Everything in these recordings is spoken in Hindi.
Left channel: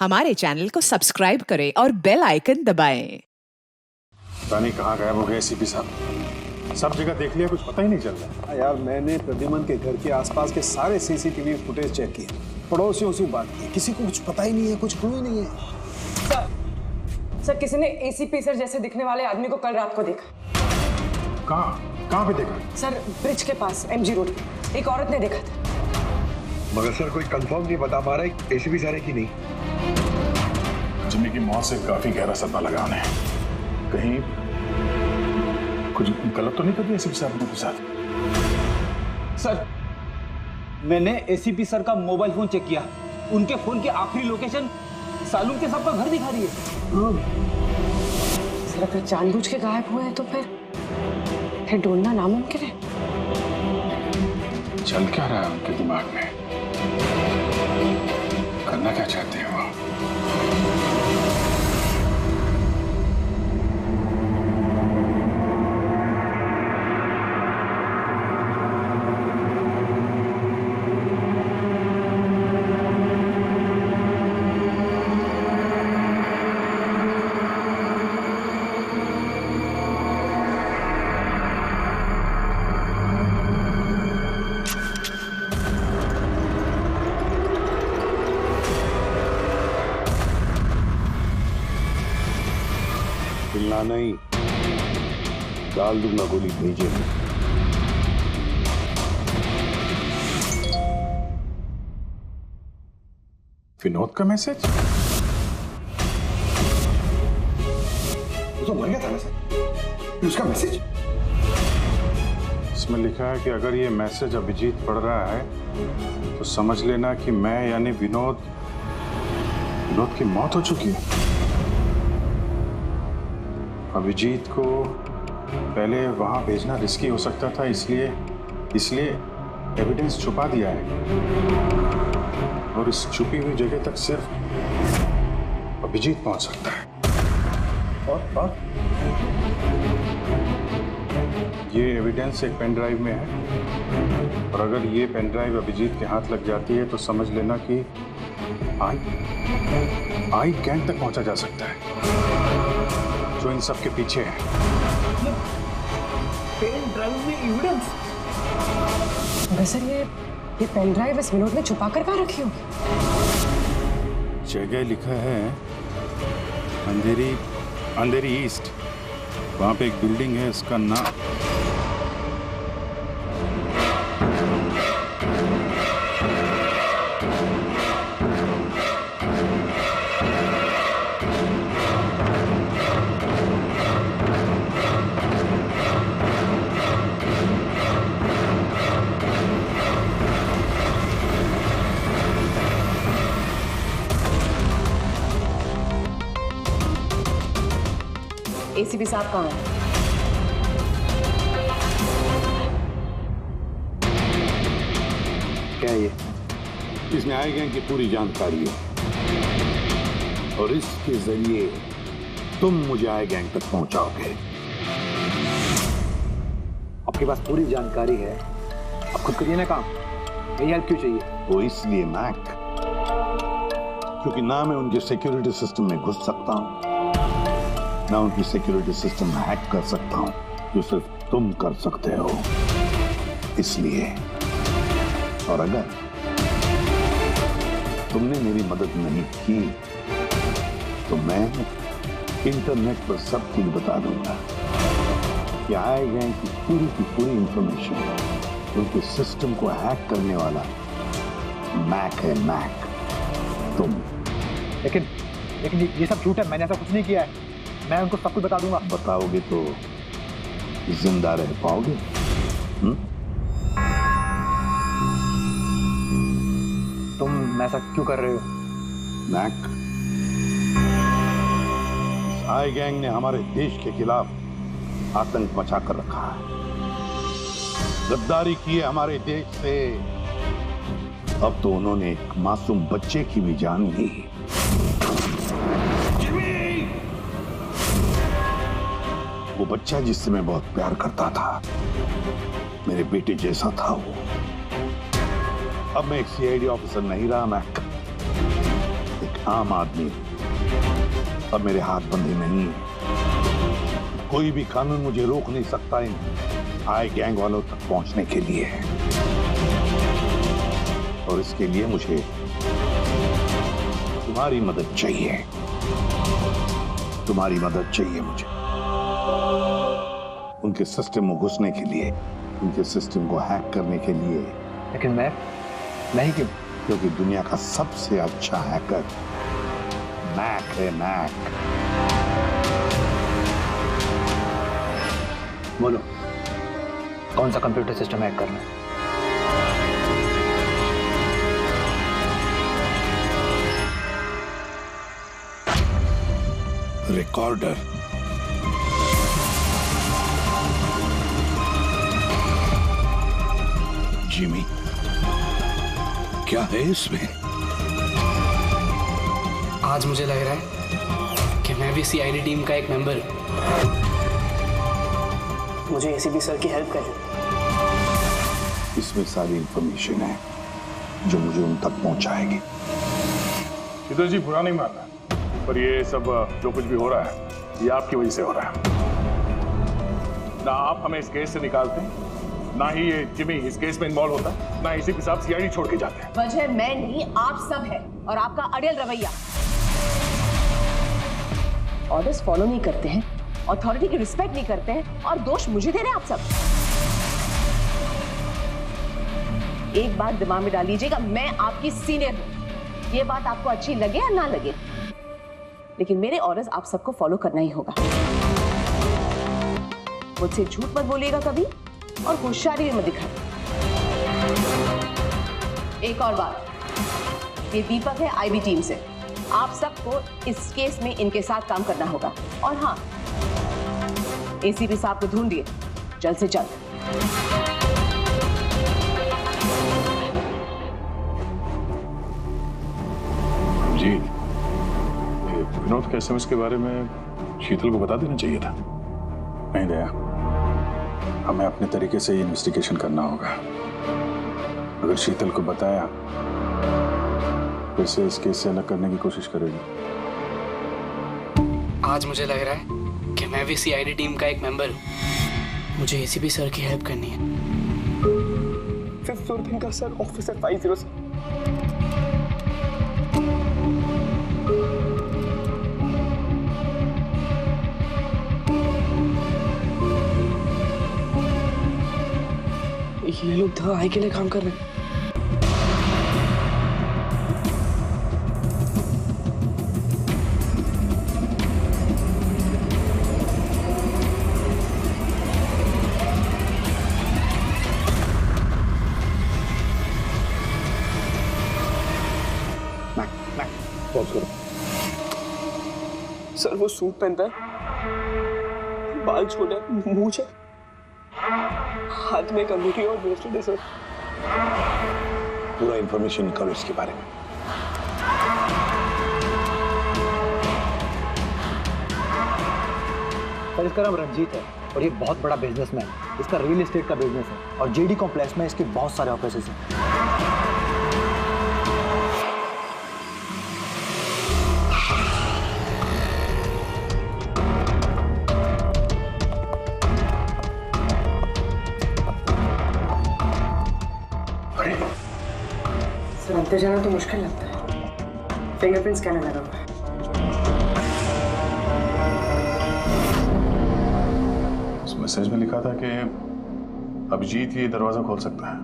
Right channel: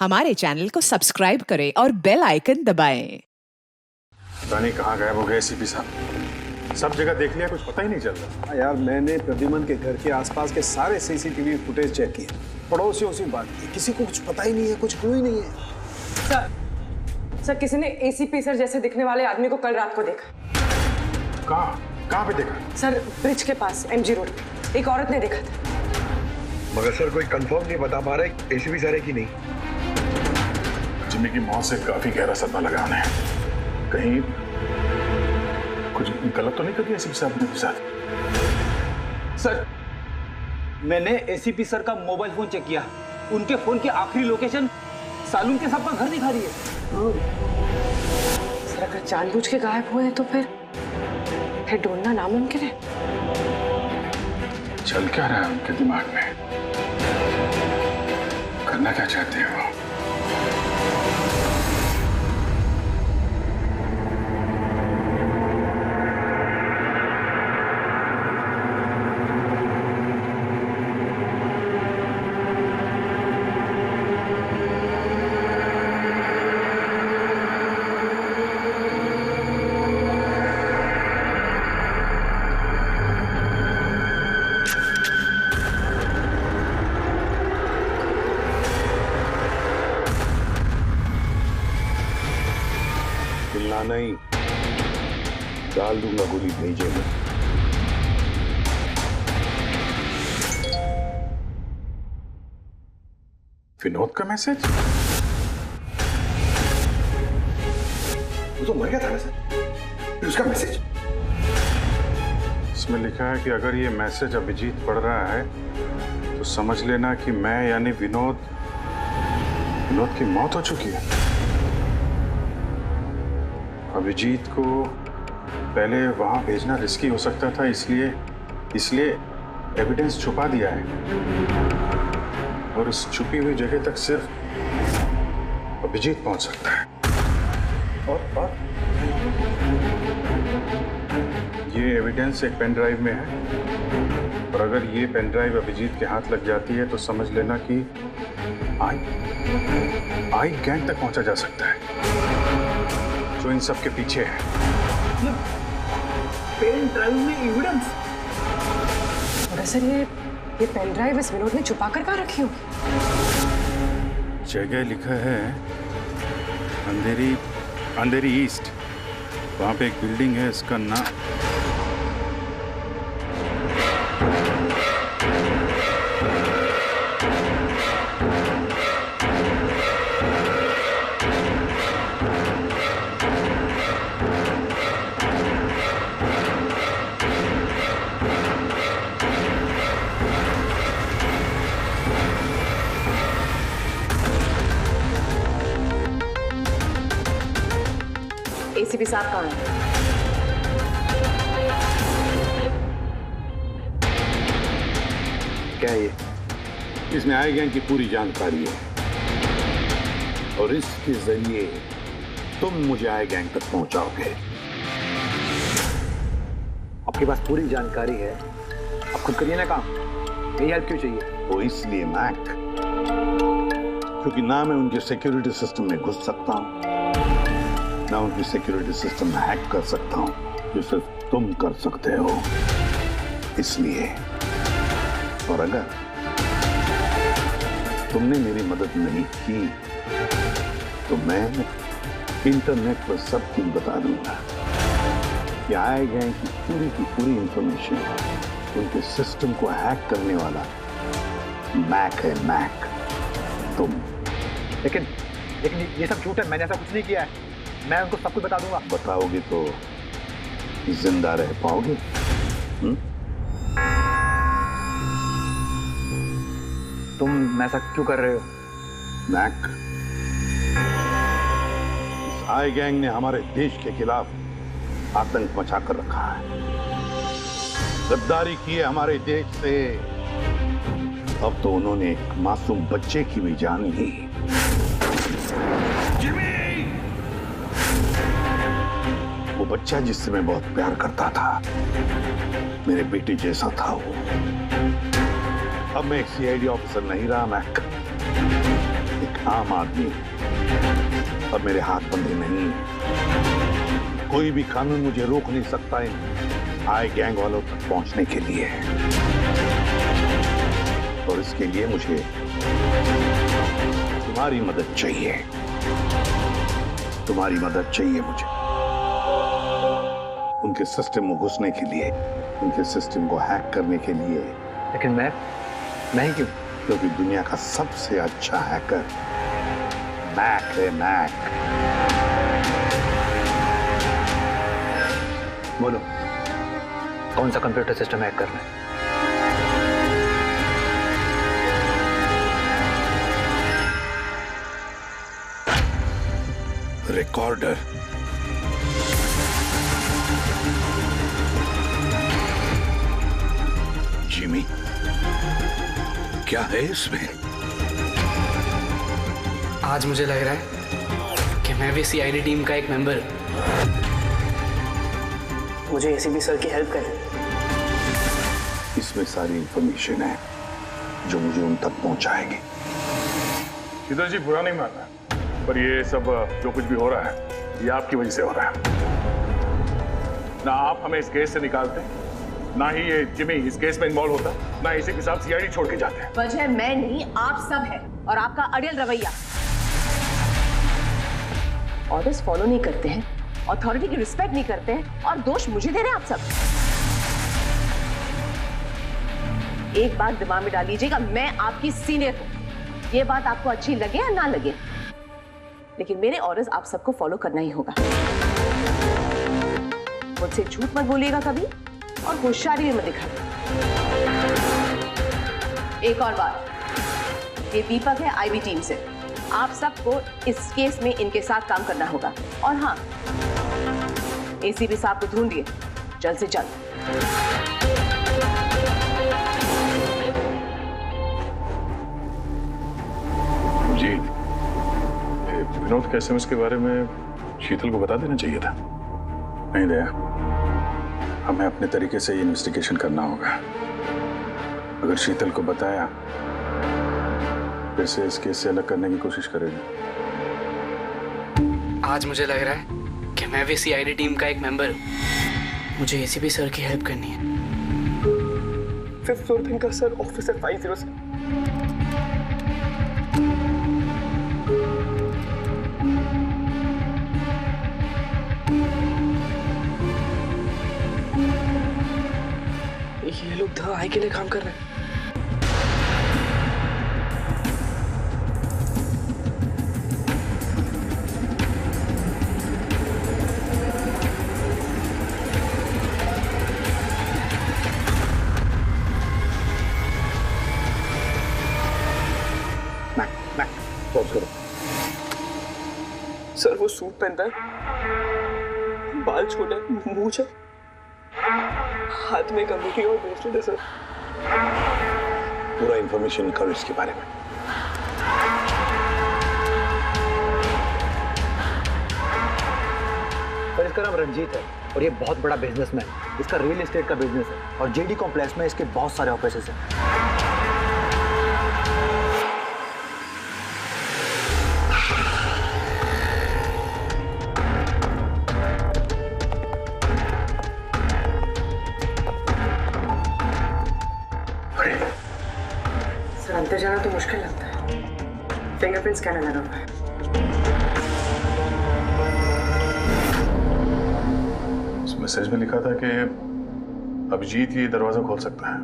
हमारे चैनल को सब्सक्राइब करें और बेल आइकन दबाएं। रानी कहाँ गायब हो गए एसीपी साहब? सब जगह देख लिया, कुछ पता ही नहीं चल रहा। यार मैंने प्रद्युमन के घर के आसपास के सारे सीसीटीवी फुटेज चेक किए, पड़ोसियों से बात की, किसी को कुछ पता ही नहीं है, कुछ क्लू ही नहीं है। सर किसी ने एसीपी सर जैसे दिखने वाले आदमी को कल रात को देखा। कहाँ पे देखा? सर ब्रिज के पास एमजी रोड पे एक औरत ने देखा था। मगर सर कोई कंफर्म नहीं बता पा रहा एसीपी सर है कि नहीं। जिम्मी की मौत से काफी गहरा सदमा लगा उन्हें। कहीं कुछ गलत तो नहीं कर दिया एसीपी साहब ने के साथ? सर मैंने एसीपी सर का मोबाइल फोन चेक किया, उनके फोन की आखिरी लोकेशन सालून के साहब का घर दिखा रही है। सर अगर जानबूझ के गायब हुए हैं तो फिर ढूंढना नामुमकिन है। चल क्या रहा है उनके दिमाग में? करना क्या चाहते हैं वो? हिलना नहीं, डाल दूंगा गोली भेजे में। विनोद का मैसेज? वो तो मर गया था ना सर, फिर उसका मैसेज? इसमें लिखा है कि अगर ये मैसेज अभिजीत पढ़ रहा है तो समझ लेना कि मैं यानी विनोद की मौत हो चुकी है। अभिजीत को पहले वहां भेजना रिस्की हो सकता था, इसलिए एविडेंस छुपा दिया है और इस छुपी हुई जगह तक सिर्फ अभिजीत पहुंच सकता है। और ये एविडेंस एक पेन ड्राइव में है और अगर ये पेन ड्राइव अभिजीत के हाथ लग जाती है तो समझ लेना कि आई गैंग तक पहुंचा जा सकता है जो इन सब के पीछे है। पेन ड्राइव में एविडेंस? मगर सर ये पेन ड्राइव इस विनोद ने छुपा कर कहाँ रखी होगी? जगह लिखा है अंधेरी ईस्ट, वहां पे एक बिल्डिंग है, इसका नाम एसीपी साहब कहाँ हैं? क्या ये? इसमें आई गैंग की पूरी जानकारी है और इसके जरिए तुम मुझे आई गैंग तक पहुंचाओगे। आपके पास पूरी जानकारी है, आप खुद करिए ना काम, यही हेल्प क्यों चाहिए? वो इसलिए मैक, क्योंकि ना मैं उनके सिक्योरिटी सिस्टम में घुस सकता हूं, ना उनकी सिक्योरिटी सिस्टम हैक कर सकता हूं, जो सिर्फ तुम कर सकते हो। इसलिए और अगर तुमने मेरी मदद नहीं की तो मैं इंटरनेट पर सब कुछ बता दूंगा कि आई गैंग की पूरी इंफॉर्मेशन उनके सिस्टम को हैक करने वाला मैक है, मैक, तुम। लेकिन ये सब झूठ है, मैंने ऐसा कुछ नहीं किया है। मैं उनको सब कुछ बता दूंगा। बताओगे तो जिंदा रह पाओगे? तुम ऐसा क्यों कर रहे हो? मैक, इस आई गैंग ने हमारे देश के खिलाफ आतंक मचा कर रखा है, गद्दारी की है हमारे देश से। अब तो उन्होंने एक मासूम बच्चे की भी जान ली। वो बच्चा जिससे मैं बहुत प्यार करता था, मेरे बेटे जैसा था वो। अब मैं एक सीआईडी ऑफिसर नहीं रहा मैक, एक आम आदमी हूं और मेरे हाथ बंधे नहीं है। कोई भी कानून मुझे रोक नहीं सकता इन आई गैंग वालों तक पहुंचने के लिए। और इसके लिए मुझे तुम्हारी मदद चाहिए। तुम्हारी मदद चाहिए मुझे उनके सिस्टम में घुसने के लिए, उनके सिस्टम को हैक करने के लिए। लेकिन मैं ही क्यों? क्योंकि दुनिया का सबसे अच्छा हैकर मैक है, मैक। बोलो, कौन सा कंप्यूटर सिस्टम हैक करना है? रिकॉर्डर। जिमी, क्या है इसमें? आज मुझे लग रहा है कि मैं भी सीआईडी टीम का एक मेंबर हूं। मुझे एसीपी सर की हेल्प करनी। इसमें सारी इंफॉर्मेशन है जो मुझे उन तक पहुंचाएगी। शीतल जी, बुरा नहीं मानना, पर ये सब जो कुछ भी हो रहा है ये आपकी वजह से हो रहा है। ना आप हमें इस केस से निकालते, ना ही ये जिमी इस केस में इन्वॉल्व होता, ना एसीपी साहब सीआईडी छोड़ के जाते हैं। वजह मैं नहीं, आप सब है, और आपका अड़ियल रवैया। ऑर्डर्स फॉलो नहीं करते हैं, अथॉरिटी की रिस्पेक्ट नहीं करते हैं, और दोष मुझे दे रहे हैं आप सब। एक बात दिमाग में डाल लीजिएगा, मैं आपकी सीनियर हूं। ये बात आपको अच्छी लगे या ना लगे, लेकिन मेरे ऑर्डर्स आप सबको फॉलो करना ही होगा। मुझसे झूठ मत बोलिएगा कभी, और होशियारी भी मत दिखाइए। एक और बात, ये दीपक है आईबी टीम से। आप सबको इस केस में इनके साथ काम करना होगा। और हाँ, एसीपी साहब को ढूंढिए जल्द से जल्द। जीत, विनोद के एसएमएस के बारे में शीतल को बता देना चाहिए था। नहीं दया, हमें अपने तरीके से ये इन्वेस्टिगेशन करना होगा। अगर शीतल को बताया फिर से इस केस से अलग करने की कोशिश करेगी। आज मुझे लग रहा है कि मैं भी सीआईडी टीम का एक मेंबर हूं। मुझे एसीपी सर की हेल्प करनी है। 5th फ्लोर का सर, ऑफिस है 50। ये लोग द आई के लिए काम कर रहे हैं। सर वो सूट पहनता है, बाल छोटे, मूंछ है, हाथ में एक अंगूठी और ब्रेसलेट है सर। पूरा इंफॉर्मेशन करो इसके बारे में। सर, इसका नाम रंजीत है और ये बहुत बड़ा बिजनेसमैन। इसका रियल एस्टेट का बिजनेस है और जेडी कॉम्प्लेक्स में इसके बहुत सारे ऑफिसेज हैं। सर, अंदर जाना तो मुश्किल लगता है। फिंगरप्रिंट स्कैनर लगा हुआ है। उस मैसेज में लिखा था कि अभिजीत ये दरवाजा खोल सकता है।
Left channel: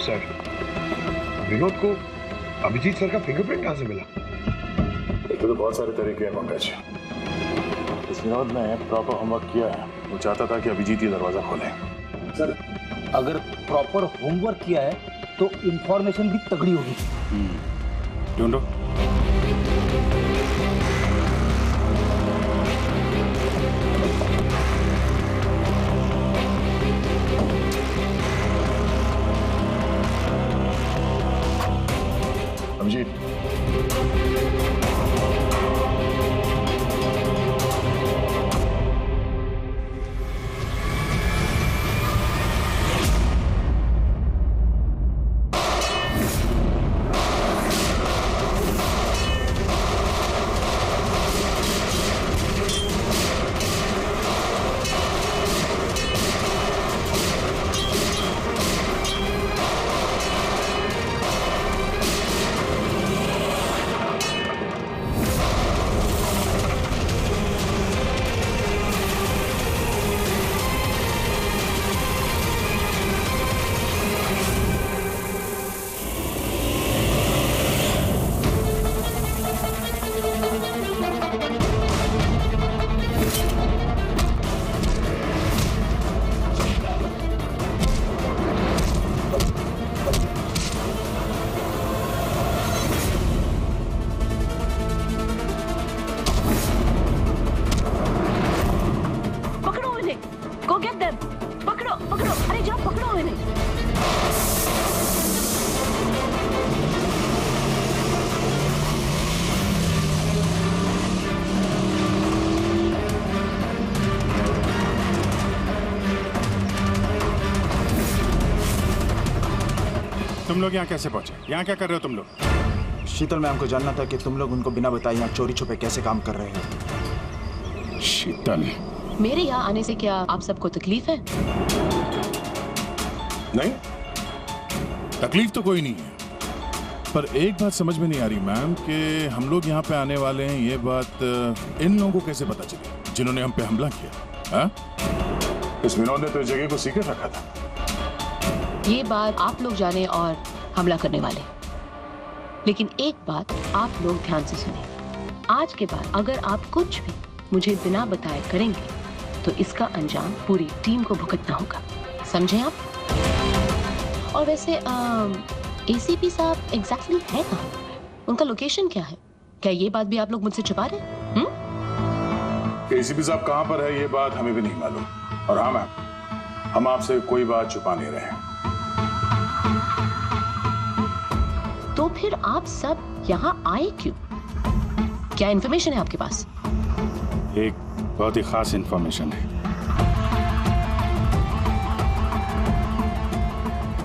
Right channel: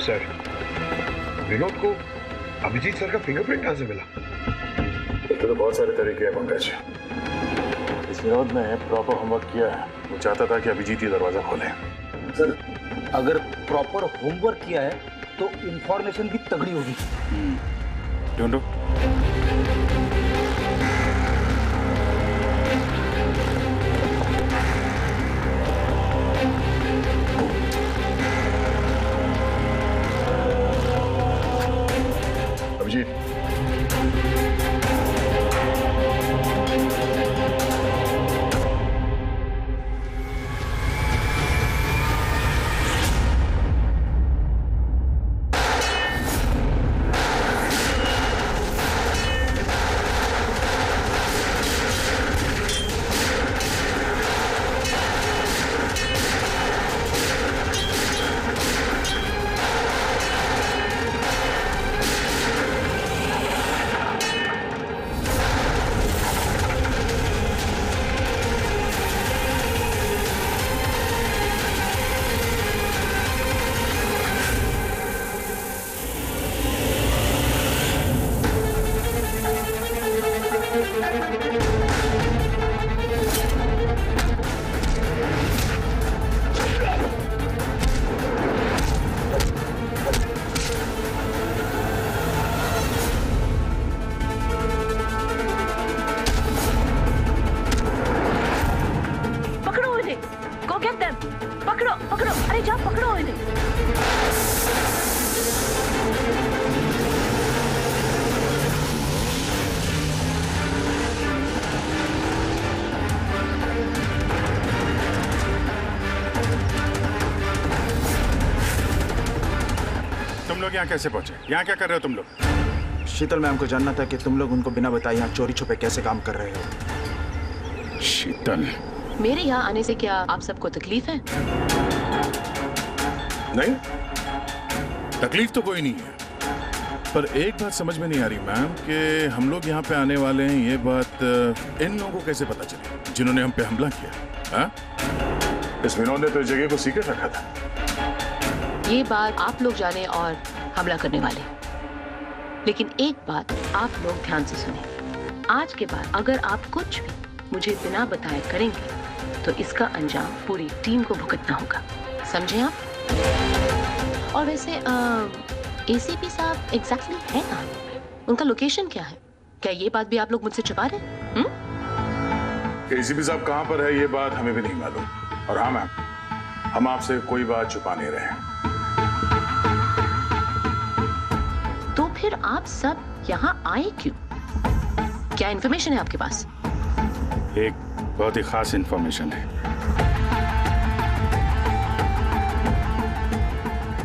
सर, विनोद को अभिजीत सर का फिंगरप्रिंट कहां से मिला? एक तो बहुत सारे तरीके हैं पंकज। इस विनोद ने प्रॉपर होमवर्क किया है। वो चाहता था कि अभिजीत ये दरवाजा खोले। सर, अगर प्रॉपर होमवर्क किया है तो इंफॉर्मेशन भी तगड़ी होगी। ढूंढो। Go get them. पकड़ो पकड़ो, अरे जाओ पकड़ो इन्हें। तुम लोग यहाँ कैसे पहुंचे? यहाँ क्या कर रहे हो तुम लोग? शीतल मैम को जानना था कि तुम लोग उनको बिना बताए यहाँ चोरी छुपे कैसे काम कर रहे हो। शीतल, मेरे यहाँ आने से क्या आप सबको तकलीफ है? नहीं, तकलीफ तो कोई नहीं है, पर एक बात समझ में नहीं आ रही मैम कि हम लोग यहाँ पे आने वाले हैं, ये बात इन लोगों को कैसे पता चली जिन्होंने हम पे हमला किया? हाँ? इस विनोद ने तो इस जगह को सीक्रेट रखा था। ये बात आप लोग जाने और हमला करने वाले, लेकिन एक बात आप लोग ध्यान से सुने। आज के बाद अगर आप कुछ भी मुझे बिना बताए करेंगे तो इसका अंजाम पूरी टीम को भुगतना होगा, समझे आप? और वैसे एसीपी साहब एग्जैक्टली है कहाँ? उनका लोकेशन क्या है? क्या ये बात भी आप लोग मुझसे छुपा रहे हैं? एसीपी साहब कहाँ पर है ये बात हमें भी नहीं मालूम। और हाँ मैम, हम आपसे कोई बात छुपा नहीं रहे हैं। तो फिर आप सब यहाँ आए क्यों? क्या इन्फॉर्मेशन है आपके पास? एक बहुत ही खास इंफॉर्मेशन है।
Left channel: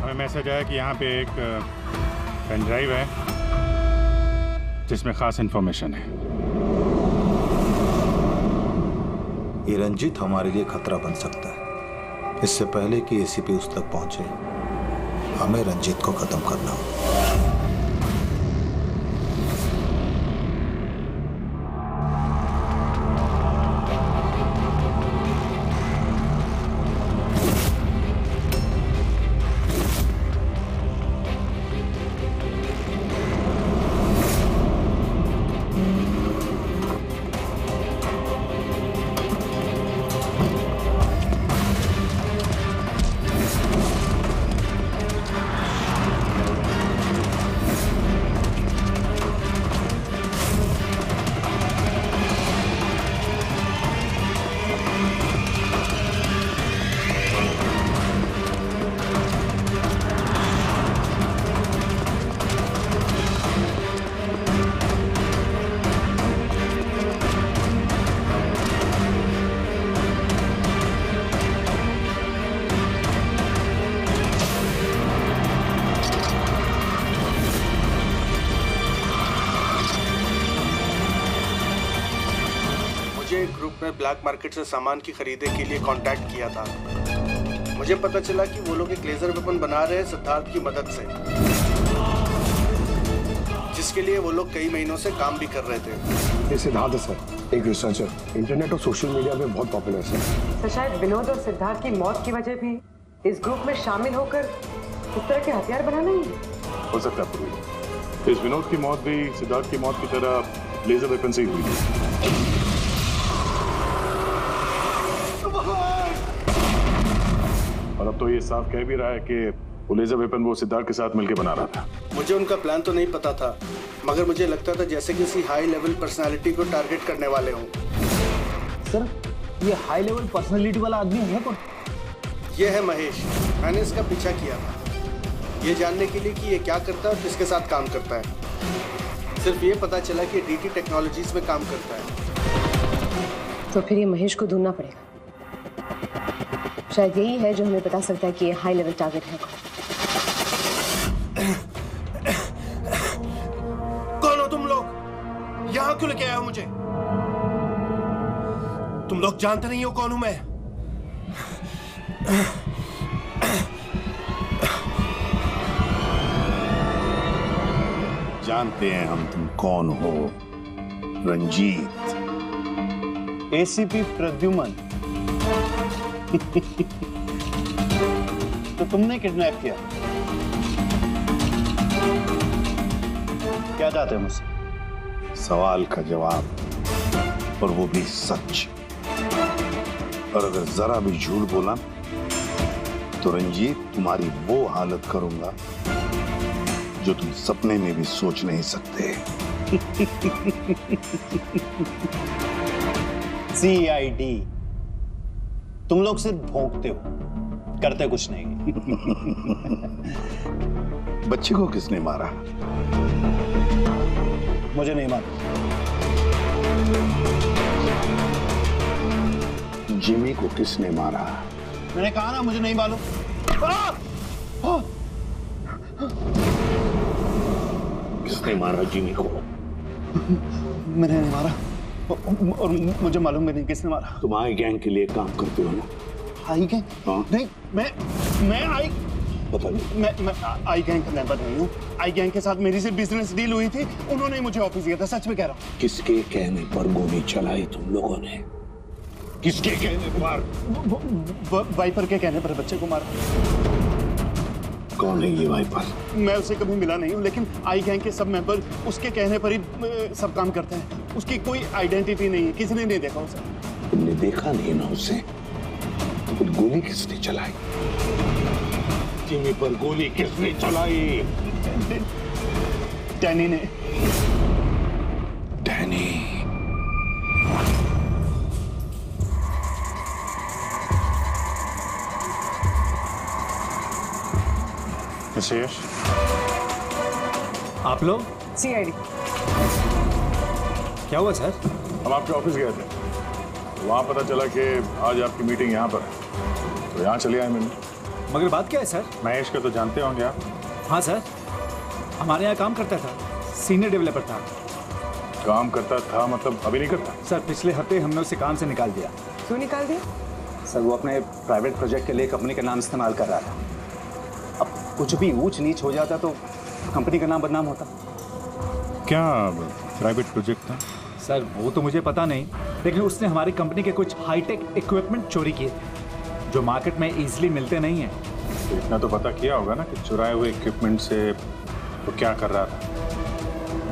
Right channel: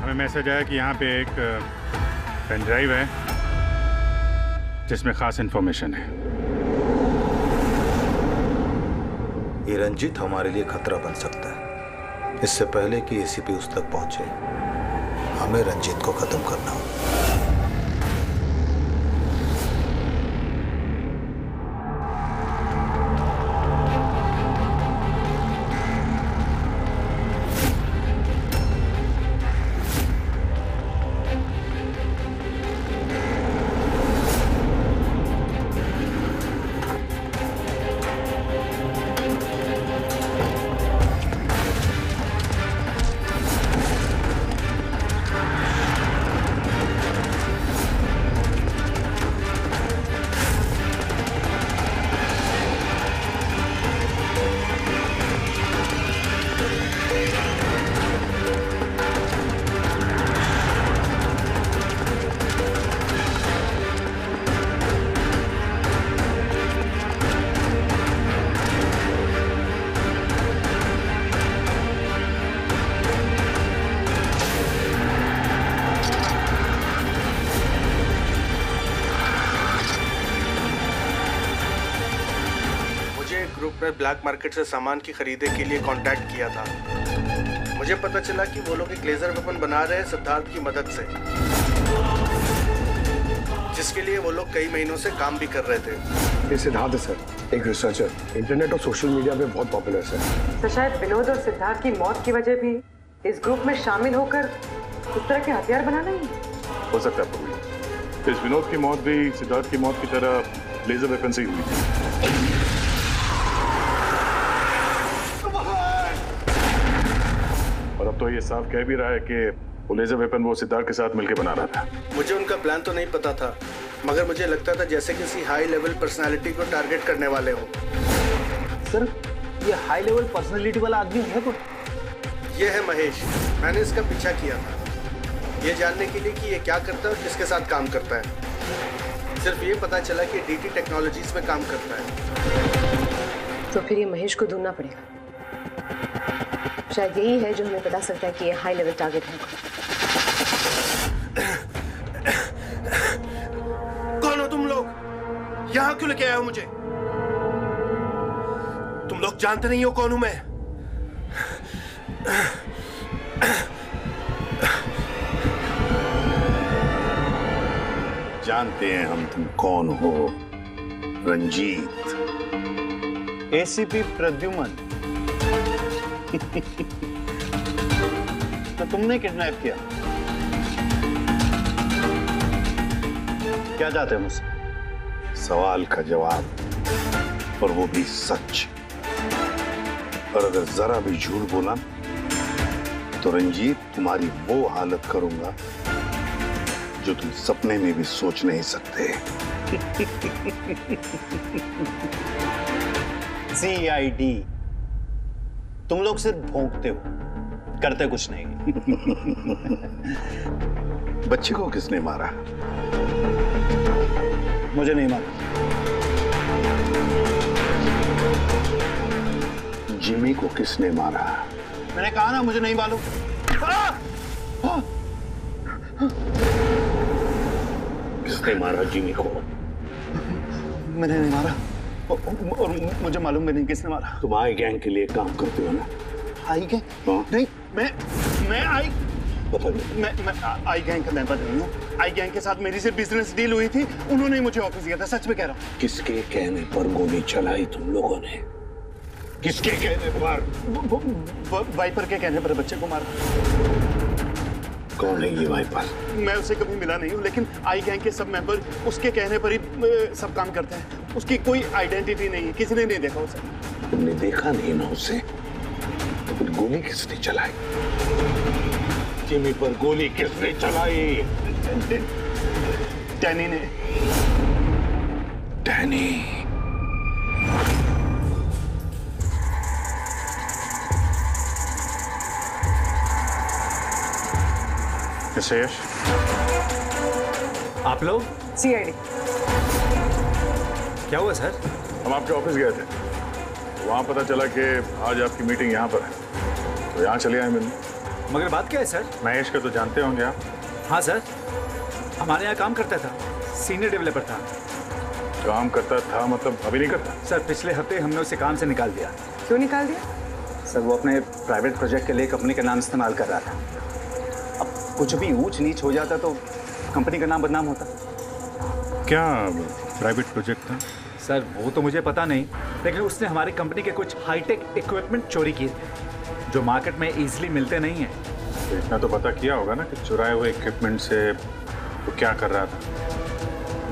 हमें मैसेज आया कि यहाँ पे एक पेन ड्राइव है जिसमें खास इंफॉर्मेशन है। ये रंजीत हमारे लिए खतरा बन सकता है। इससे पहले कि एसीपी उस तक पहुंचे, हमें रंजीत को खत्म करना होगा। ग्रुप ने ब्लैक मार्केट से सामान की खरीदे के लिए कांटेक्ट किया था। मुझे पता चला कि वो लोग एक लेजर वेपन बना रहे हैं सिद्धार्थ की मदद से, जिसके लिए वो लोग कई महीनों से काम भी कर रहे थे। ये सिद्धार्थ है सर, एक रिसर्चर, इंटरनेट और सोशल मीडिया पे बहुत पॉपुलर है तो शायद विनोद और सिद्धार्थ की मौत की वजह भी इस ग्रुप में शामिल होकर इस तरह के हथियार बनाना ही हो सकता है पूर्वी। इस विनोद की मौत भी सिद्धार्थ की मौत की तरह लेजर वेपन से ही हुई थी। और अब तो ये साफ कह भी रहा है कि वो लेजर वेपन वो सिद्धार्थ के साथ मिलकर बना रहा था। मुझे उनका प्लान तो नहीं पता था, मगर मुझे लगता था जैसे किसी हाई लेवल पर्सनालिटी को टारगेट करने वाले हों। सर, ये हाई लेवल पर्सनालिटी वाला आदमी है कौन? ये है महेश। मैंने इसका पीछा किया था ये जानने के लिए कि ये क्या करता है और किसके साथ काम करता है। सिर्फ ये पता चला कि डीटी टेक्नोलॉजीज में काम करता है। तो फिर ये महेश को ढूंढना पड़ेगा। शायद यही है जो हमें बता सकता है कि ये हाई लेवल टारगेट है। कौन हो तुम लोग? यहां क्यों लेके आए हो मुझे? तुम लोग जानते नहीं हो कौन हूं मैं। जानते हैं हम तुम कौन हो, रंजीत। एसीपी प्रद्युमन। तो तुमने किडनैप किया? क्या चाहते हो मुझसे? सवाल का जवाब, और वो भी सच। और अगर जरा भी झूठ बोला तो रंजीत तुम्हारी वो हालत करूंगा जो तुम सपने में भी सोच नहीं सकते। CID तुम लोग सिर्फ भौंकते हो, करते कुछ नहीं। बच्चे को किसने मारा? मुझे नहीं मालूम। जिमी को किसने मारा? मैंने कहा ना मुझे नहीं मालूम। किसने मारा जिमी को? मैंने नहीं मारा और मुझे मालूम भी नहीं किसने मारा। तुम आई गैंग के लिए काम करते हो ना? आई गैंग? नहीं, मैं आई पता नहीं। मैं आई गैंग का मेंबर नहीं हूँ। आई गैंग के साथ मेरी सिर्फ बिजनेस डील हुई थी, उन्होंने मुझे ऑफिस दिया था, सच में कह रहा हूँ। किसके कहने पर गोली चलाई तुम लोगों ने? किसके कहने पर? वाइपर के कहने पर बच्चे को मारा। कौन है ये वाइपर? मैं उसे कभी मिला नहीं हूँ, लेकिन आई गैंग के सब मेंबर उसके कहने पर ही सब काम करते हैं। उसकी कोई आइडेंटिटी नहीं है, किसी ने नहीं देखा उसे। तुमने देखा नहीं ना उसे, तो फिर गोली किसने चलाई? जिमी पर गोली किसने चलाई? डैनी ने। डैनी? मिस्टर यश, आप लोग? सीआईडी। क्या हुआ सर? हम आपके ऑफिस गए थे, तो वहाँ पता चला कि आज आपकी मीटिंग यहाँ पर है, तो यहाँ चले आए मिलने। मगर बात क्या है सर? महेश को तो जानते होंगे आप? हाँ सर, हमारे यहाँ काम करता था, सीनियर डेवलपर था। काम करता था मतलब अभी नहीं करता? सर पिछले हफ्ते हमने उसे काम से निकाल दिया। क्यों निकाल दिया? सर वो अपने प्राइवेट प्रोजेक्ट के लिए कंपनी का नाम इस्तेमाल कर रहा था। अब कुछ भी ऊंच नीच हो जाता तो कंपनी का नाम बदनाम होता। क्या प्राइवेट प्रोजेक्ट था? सर वो तो मुझे पता नहीं, लेकिन उसने हमारी कंपनी के कुछ हाईटेक इक्विपमेंट चोरी किए थे, जो मार्केट में इजीली मिलते नहीं हैं। तो इतना तो पता किया होगा ना कि चुराए हुए इक्विपमेंट से तो क्या कर रहा था?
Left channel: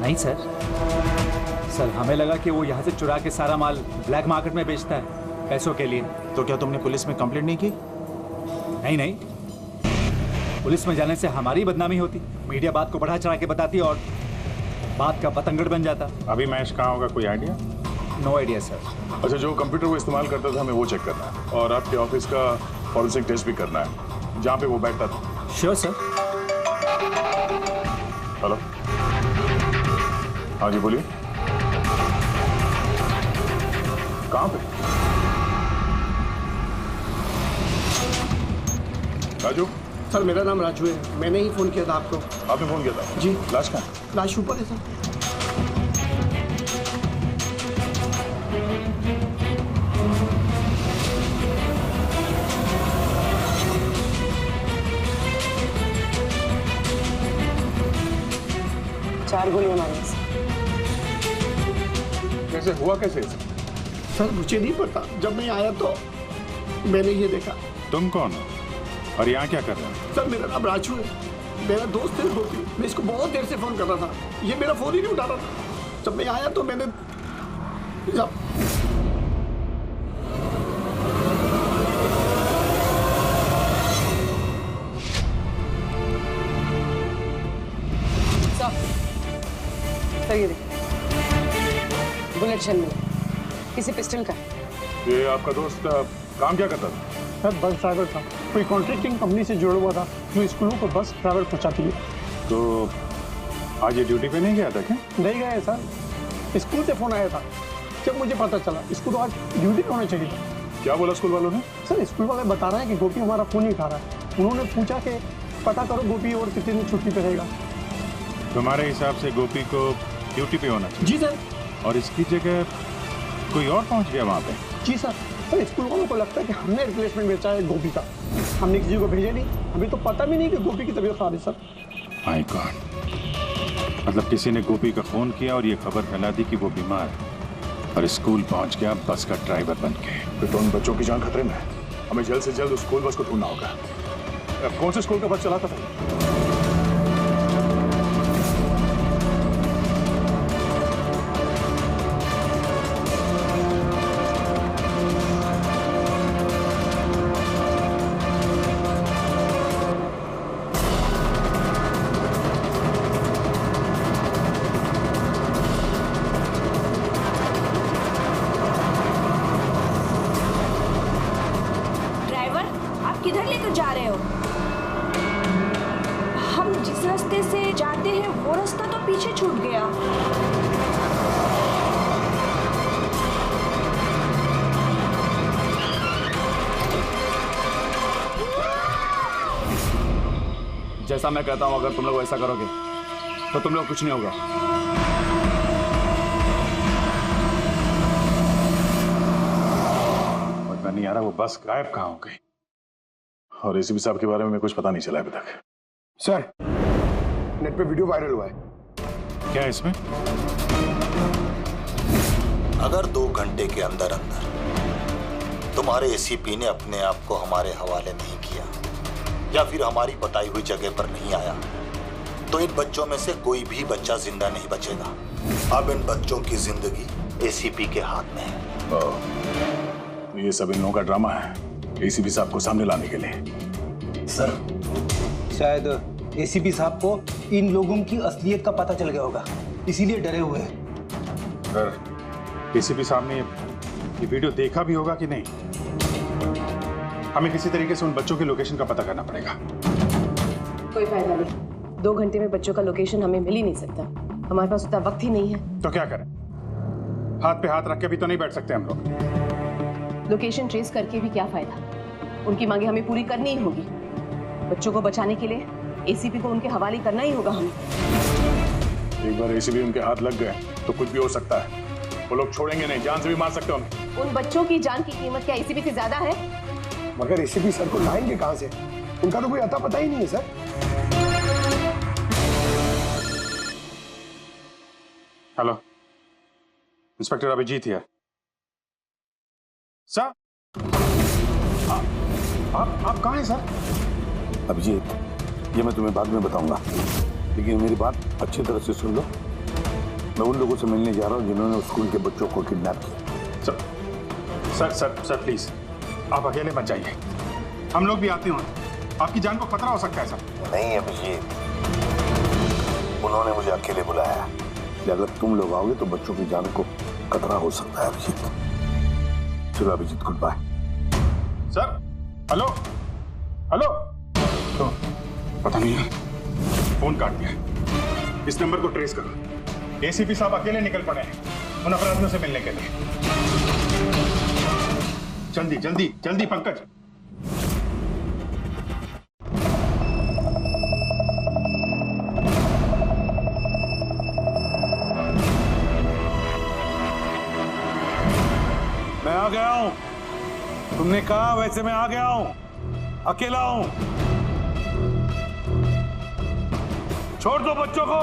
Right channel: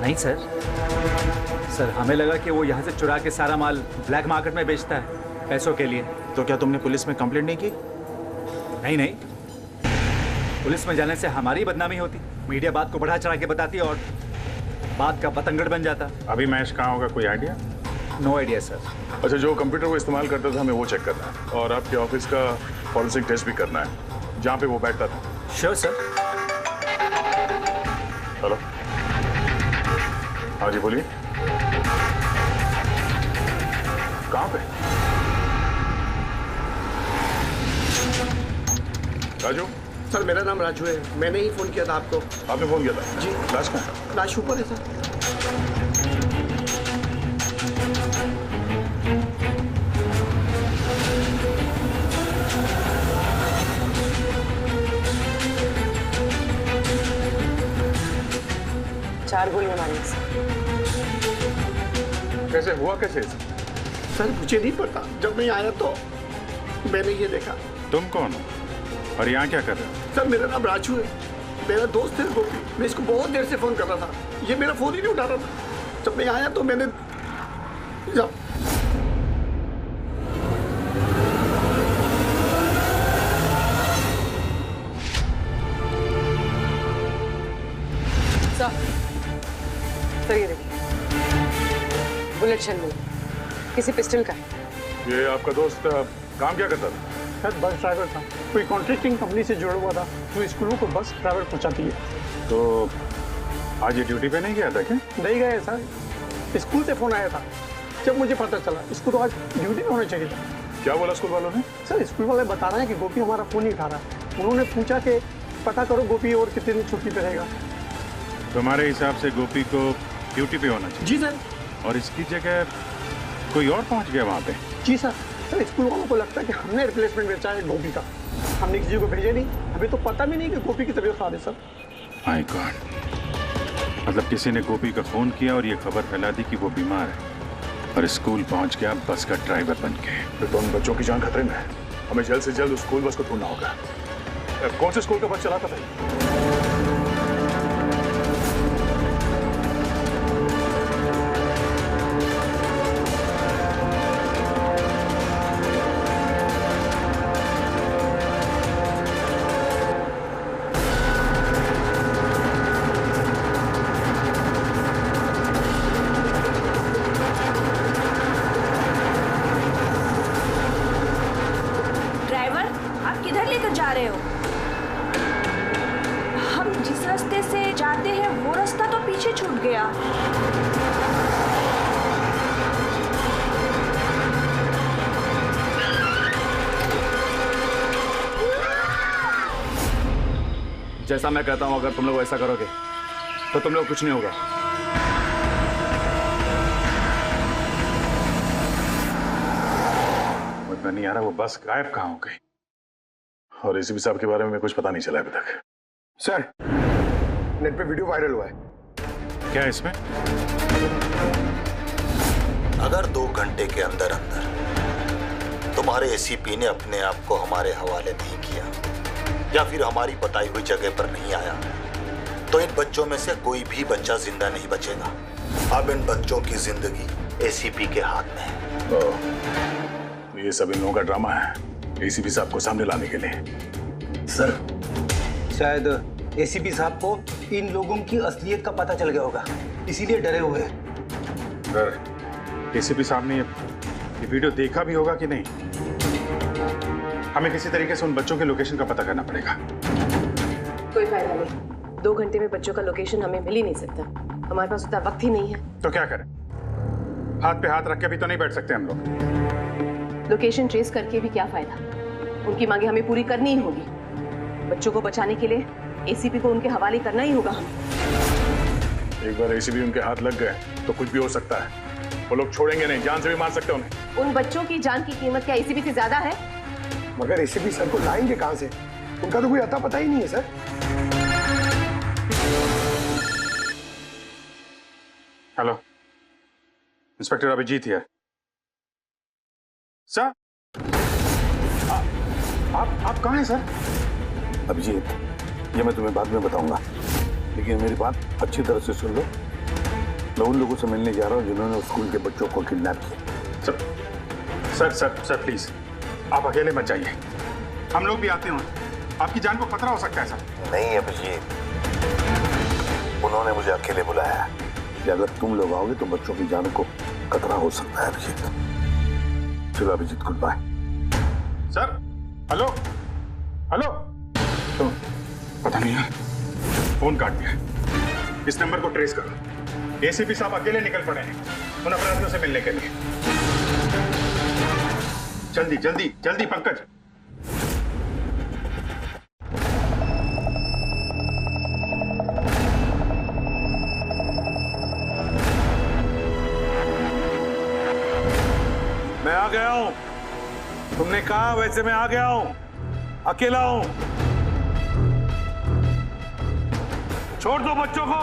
नहीं सर, हमें लगा कि वो यहाँ से चुरा के सारा माल ब्लैक मार्केट में बेचता है पैसों के लिए। तो क्या तुमने पुलिस में कंप्लेंट नहीं की? नहीं, पुलिस में जाने से हमारी बदनामी होती, मीडिया बात को बढ़ा चढ़ा के बताती और बात का पतंगड़ बन जाता। अभी महेश कहाँ होगा, कोई आइडिया? No idea sir. अच्छा, जो कंप्यूटर वो इस्तेमाल करता था हमें वो चेक करना है, और आपके ऑफिस का फॉरेंसिक टेस्ट भी करना है जहाँ पे वो बैठता था। Sure sir. हेलो, हाँ जी बोलिए। कहाँ पे? राजू? सर मेरा नाम राजू है, मैंने ही फोन किया था आपको। आपने फोन किया था? जी। लाश कहाँ है? लाश ऊपर है सर। चार गोलियां मारी। कैसे हुआ, कैसे? सर मुझे नहीं पता, जब मैं आया तो मैंने ये देखा। तुम कौन हो और यहाँ क्या कर रहे हो? सर मेरा नाम राजू है, मेरा दोस्त है गोपी। मैं इसको बहुत देर से फोन कर रहा था, ये मेरा फोन ही नहीं उठा रहा था। जब मैं आया तो मैंने सर ये देखिए, बुलेट शेल मिला, किसी पिस्टल का है। ये आपका दोस्त काम क्या करता था? सर बस ड्राइवर था, कोई कॉन्ट्रैक्टिंग कंपनी से जुड़ा हुआ था जो स्कूलों को बस ड्राइवर पहुंचाती है। तो आज ये ड्यूटी पे नहीं गया था क्या? नहीं गए सर, स्कूल से फोन आया था, जब मुझे पता चला इसको तो आज ड्यूटी पे होना चाहिए था। क्या बोला स्कूल वालों ने? सर स्कूल वाले बता रहे हैं कि गोपी हमारा फोन नहीं उठा रहा है। उन्होंने पूछा कि पता करो गोपी और कितने दिन छुट्टी पे रहेगा। तुम्हारे हिसाब से गोपी को ड्यूटी पे होना चाहिए? जी सर। और इसकी जगह कोई और पहुंच गया वहाँ पे? जी सर। सर स्कूल वालों को लगता है कि हमने रिप्लेसमेंट बेचा है गोपी का, हमने किसी को भेजा नहीं, हमें तो पता भी नहीं कि गोपी की तबीयत खराब है सर। माय गॉड, मतलब किसी ने गोपी का फोन किया और ये खबर फैला दी कि वो बीमार है, और स्कूल पहुंच गया बस का ड्राइवर बन के। फिर तो उन बच्चों की जान खतरे में है, हमें जल्द से जल्द उस स्कूल बस को ढूंढना होगा। कौन से स्कूल का बस चलाता था? आप किधर लेकर जा रहे हो? हम जिस रास्ते से जाते हैं वो रास्ता तो पीछे छूट गया। जैसा मैं कहता हूं, अगर तुम लोग ऐसा करोगे तो तुम लोग कुछ नहीं होगा। समझ में नहीं आ रहा वो बस गायब कहाँ हो गई, और एसीपी साहब के बारे में कुछ पता नहीं चला अभी तक। सर, नेट पे वीडियो वायरल हुआ है। क्या है इसमें? अगर 2 घंटे के अंदर अंदर तुम्हारे एसीपी ने अपने आप को हमारे हवाले नहीं किया या फिर हमारी बताई हुई जगह पर नहीं आया तो इन बच्चों में से कोई भी बच्चा जिंदा नहीं बचेगा। अब इन बच्चों की जिंदगी एसीपी के हाथ में है। तो ये सब इन लोगों का ड्रामा है एसीपी साहब को सामने लाने के लिए। सर, शायद एसीपी साहब को इन लोगों की असलियत का पता चल गया होगा, इसीलिए डरे हुए हैं। सर, एसीपी साहब ने ये वीडियो देखा भी होगा कि नहीं? हमें किसी तरीके से उन बच्चों के लोकेशन का पता करना पड़ेगा। कोई फायदा नहीं, 2 घंटे में बच्चों का लोकेशन हमें मिल ही नहीं सकता। हमारे पास उतना वक्त ही नहीं है। तो क्या करें? हाथ पे हाथ रख के भी तो नहीं बैठ सकते हम लोग। लोकेशन ट्रेस करके भी क्या फायदा? उनकी मांगे हमें पूरी करनी ही होगी। बच्चों को बचाने के लिए एसीपी को उनके हवाले करना ही होगा हमें। एक बार एसीपी उनके हाथ लग गए तो कुछ भी हो सकता है। वो लोग छोड़ेंगे नहीं, जान से भी मार सकते उन्हें। उन बच्चों की जान की कीमत क्या एसीपी से ज्यादा है? मगर एसीपी सर को लाएंगे कहां से? उनका तो कोई अता पता ही नहीं है sir. Hello, inspector Abhijeet here. Sir, आप कहाँ हैं सर? अभिजीत, ये मैं तुम्हें बाद में बताऊंगा, लेकिन मेरी बात अच्छी तरह से सुन लो। मैं उन लोगों से मिलने जा रहा हूँ जिन्होंने उस स्कूल के बच्चों को किडनैप किया। सर प्लीज, आप अकेले मत जाइए, हम लोग भी आते हैं। आपकी जान को खतरा हो सकता है सर। नहीं अभिजीत, उन्होंने मुझे अकेले बुलाया है कि अगर तुम लोग आओगे तो बच्चों की जान को खतरा हो सकता है। अभिजीत, चलो Abhijeet, goodbye. Sir, hello hello, तो पता नहीं है, फोन काट दिया। इस नंबर को ट्रेस करो। एसीपी साहब अकेले निकल पड़े हैं उन अपराधियों से मिलने के लिए। जल्दी जल्दी जल्दी पंकज। मैं आ गया हूं। तुमने कहा वैसे मैं आ गया हूं। अकेला हूं। छोड़ दो बच्चों को।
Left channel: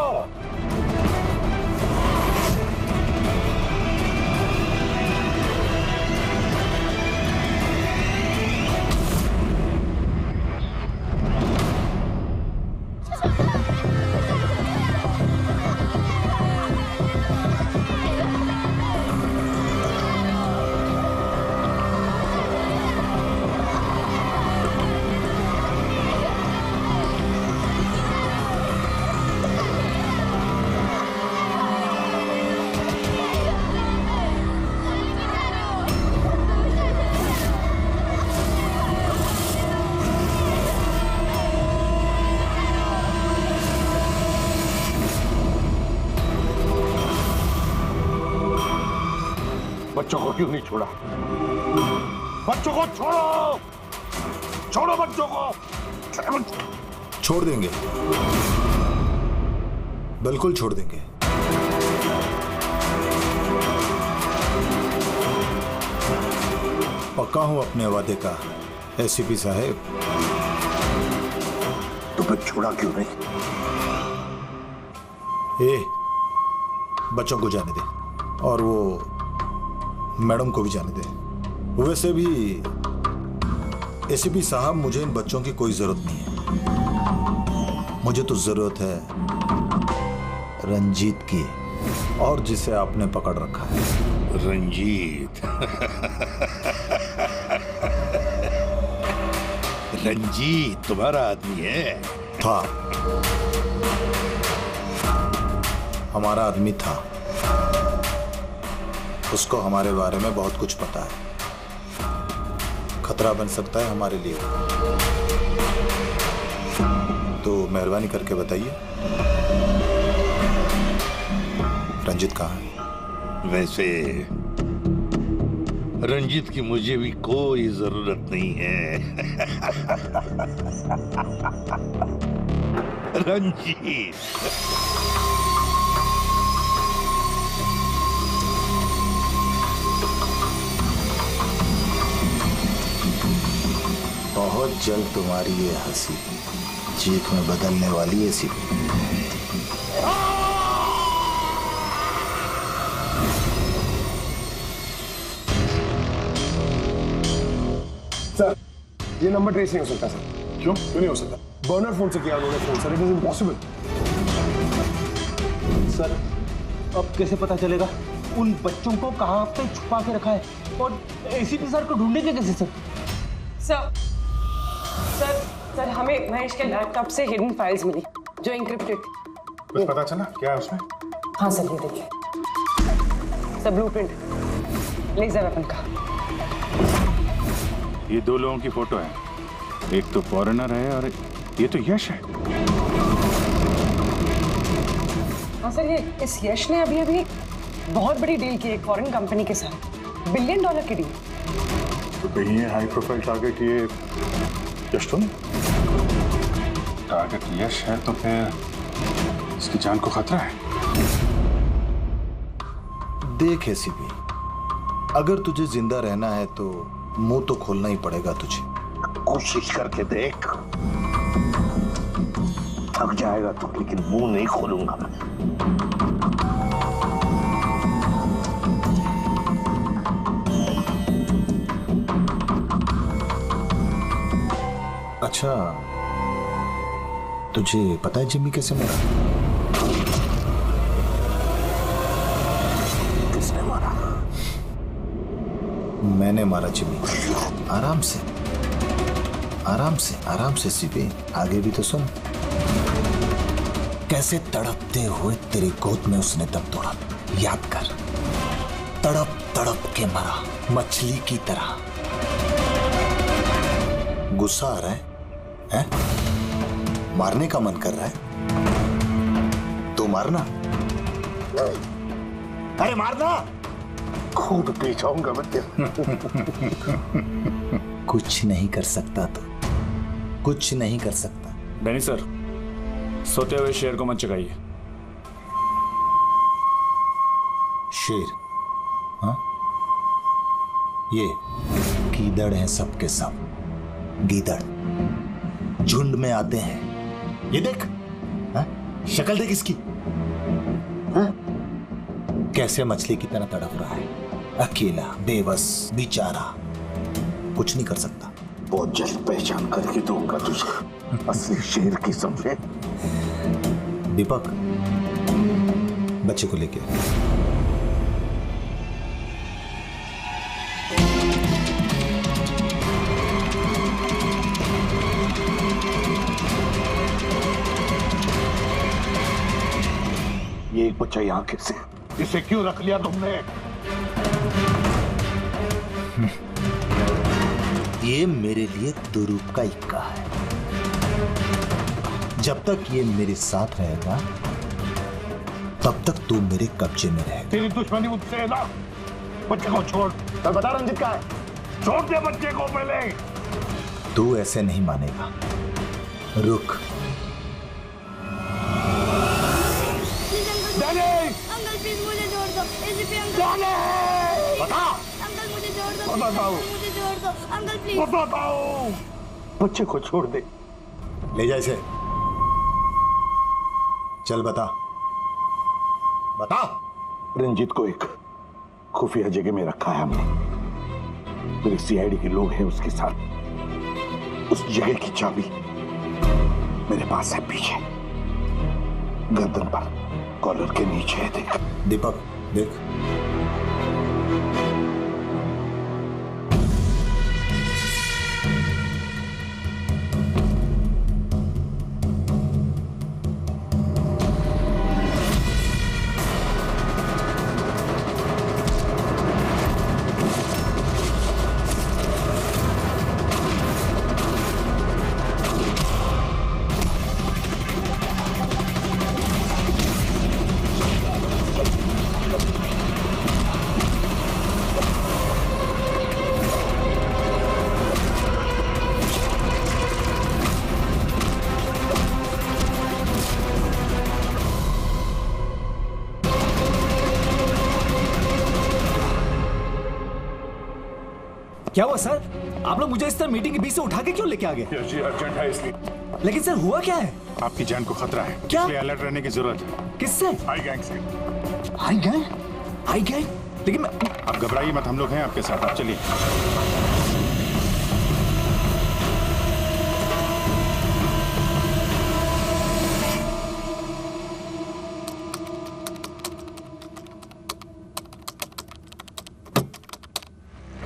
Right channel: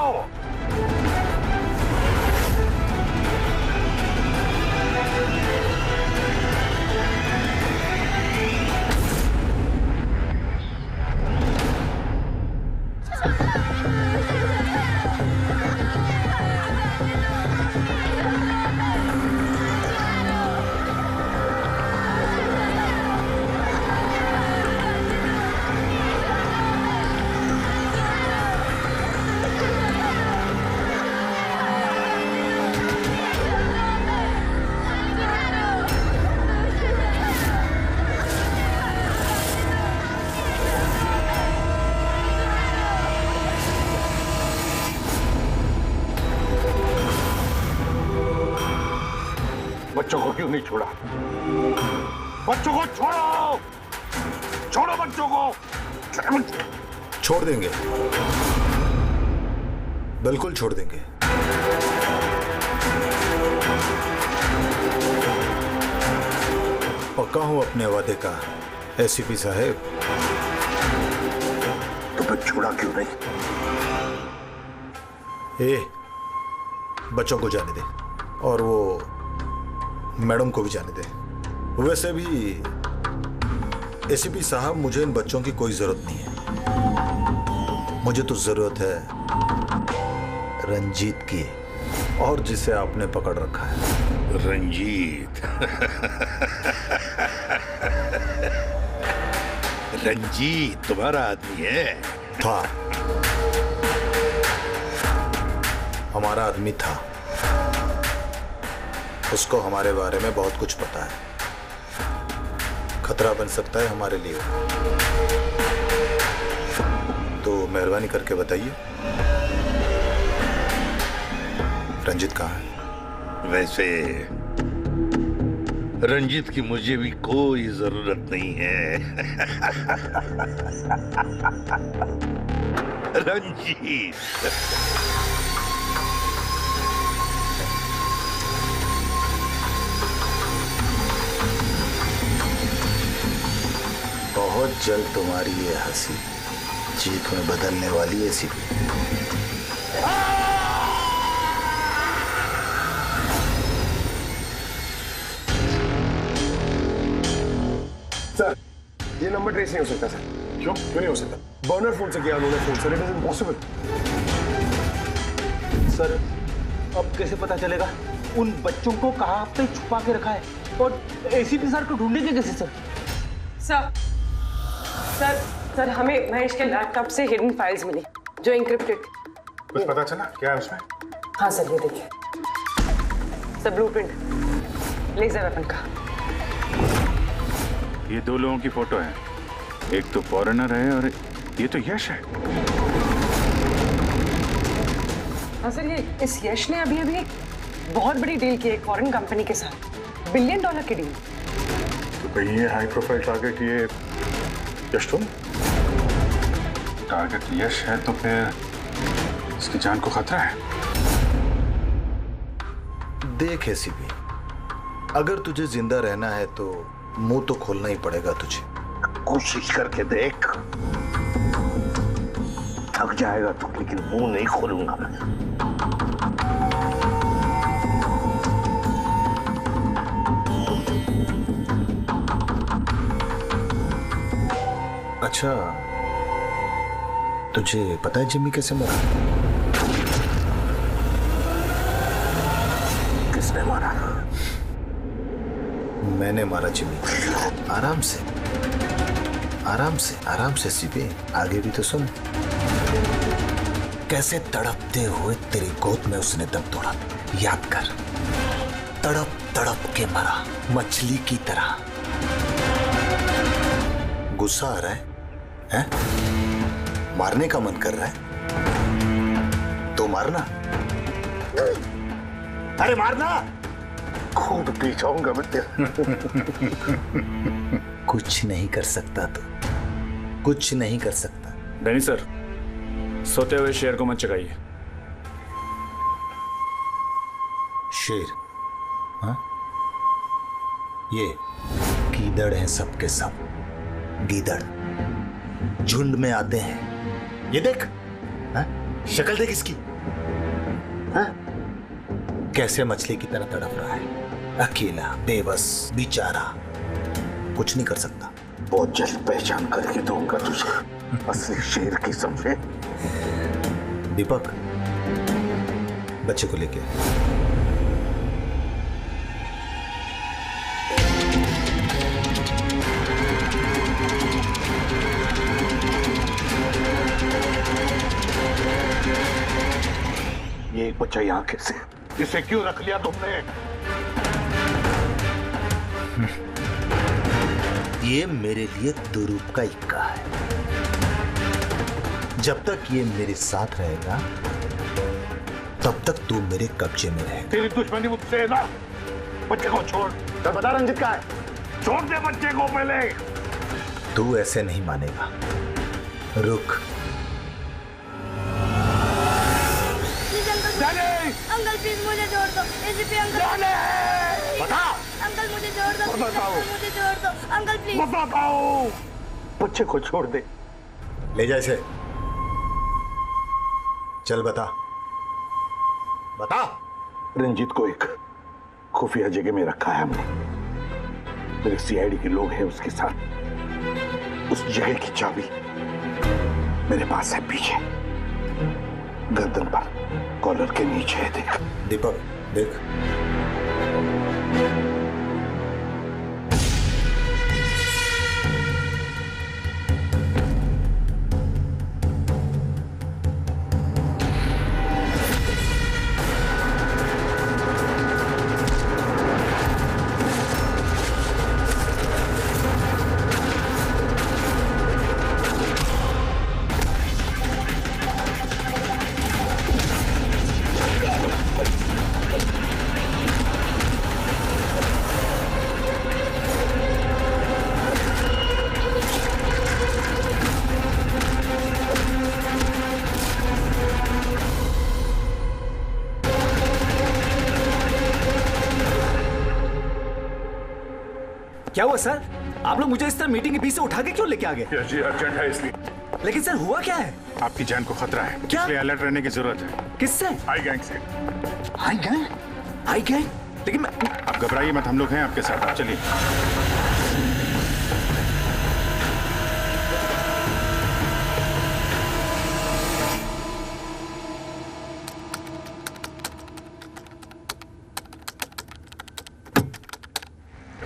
बच्चों को क्यों नहीं छोड़ा? बच्चों को छोड़ो, छोड़ो बच्चों को। छोड़ देंगे, बिल्कुल छोड़ देंगे। पक्का हूं अपने वादे का एसीपी साहब। तो फिर छोड़ा क्यों नहीं? बच्चों को जाने दे और वो मैडम को भी जाने दे। वैसे भी एसीपी साहब, मुझे इन बच्चों की कोई जरूरत नहीं है। मुझे तो जरूरत है रंजीत की, और जिसे आपने पकड़ रखा है। रंजीत। रंजीत तुम्हारा आदमी है? था, हमारा आदमी था। उसको हमारे बारे में बहुत कुछ पता है, खतरा बन सकता है हमारे लिए, तो मेहरबानी करके बताइए रंजित कहाँ है? वैसे रंजित की मुझे भी कोई जरूरत नहीं है। रंजीत बहुत जल्द तुम्हारी ये हंसी चीख में बदलने वाली है सिर्फ। सर ये नंबर ट्रेस नहीं हो सकता सर। क्यों नहीं हो सकता? बर्नर फोन से किया उन्होंने phone sir, it is impossible. Sir अब कैसे पता चलेगा उन बच्चों को कहाँ पे छुपा के रखा है, और एसीपी सर को ढूंढेंगे कैसे सर? सर सर सर हमें महेश के लैपटॉप से हिडन फाइल्स मिली जो इंक्रिप्टेड। कुछ पता चला क्या है उसमें? हाँ सर ये देखिए सर, ब्लूप्रिंट लेजर वेपन का। ये दो लोगों की फोटो है, एक तो फॉरेनर है और ये तो यश है। हाँ सर, ये इस यश ने अभी अभी बहुत बड़ी डील की एक फॉरेन कंपनी के साथ, $1 बिलियन की डील। तो कहीं ये हाई प्रोफाइल टारगेट ये यश तो नहीं? टारगेट यश है तो फिर इसकी जान को खतरा है। देख एसीपी, अगर तुझे जिंदा रहना है तो मुंह तो खोलना ही पड़ेगा तुझे। कोशिश करके देख, थक जाएगा तो, लेकिन मुंह नहीं खोलूंगा मैं। अच्छा, तुझे पता है जिम्मी कैसे मरा? किसने मारा? मैंने मारा जिम्मी। आराम से आराम से आराम से सीपी, आगे भी तो सुन। कैसे तड़पते हुए तेरी गोद में उसने दम तोड़ा, याद कर। तड़प तड़प के मरा, मछली की तरह। गुस्सा आ रहा है? मारने का मन कर रहा है तो मारना। अरे मारना, खूब पी जाऊंगा मैं तेरा। कुछ नहीं कर सकता तो, कुछ नहीं कर सकता। डैनी सर, सोते हुए शेर को मत चगाइए। शेर? हाँ? ये गीदड़ हैं सबके सब, गीदड़ झुंड में आते हैं। ये देख, हाँ? शक्ल देख इसकी, हाँ? कैसे मछली की तरह तड़प रहा है, अकेला, बेबस, बेचारा, कुछ नहीं कर सकता। बहुत जल्द पहचान करके दूंगा तुझे असली शेर की, समझे? दीपक, बच्चे को लेके ये एक बच्चा यहाँ कैसे? इसे क्यों रख लिया तुमने? ये मेरे लिए दुरूप का इक्का है। जब तक ये मेरे साथ रहेगा तब तक तू मेरे कब्जे में रहेगा। तेरी दुश्मनी मुझसे है ना? बच्चे को छोड़। चल बता रंजित का है, छोड़ दे बच्चे को पहले। तू ऐसे नहीं मानेगा, रुक। अंकल प्लीज मुझे छोड़ दो, एसीपी अंकल। बता। अंकल मुझे छोड़ दो, बताओ। मुझे छोड़ दो अंकल प्लीज। बताओ। बच्चे को छोड़ दे। ले जा इसे, चल बता। बता। रंजीत को एक खुफिया जगह में रखा है हमने, मेरे सीआईडी के लोग हैं उसके साथ। उस जगह की चाबी मेरे पास है, पीछे गर्दन पर कॉलर के नीचे है, देख। दीपक देख, क्या हुआ सर? आप लोग मुझे इस तरह मीटिंग के बीच से उठा के क्यों लेके आ गए? यस जी, अर्जेंट है इसलिए। लेकिन सर हुआ क्या है? आपकी जान को खतरा है, क्या? इसलिए अलर्ट रहने की जरूरत है। किससे? आई गैंग से। आई गैंग? आई गैंग? लेकिन मैं... आप घबराइए मत, हम लोग हैं आपके साथ, आप चलिए।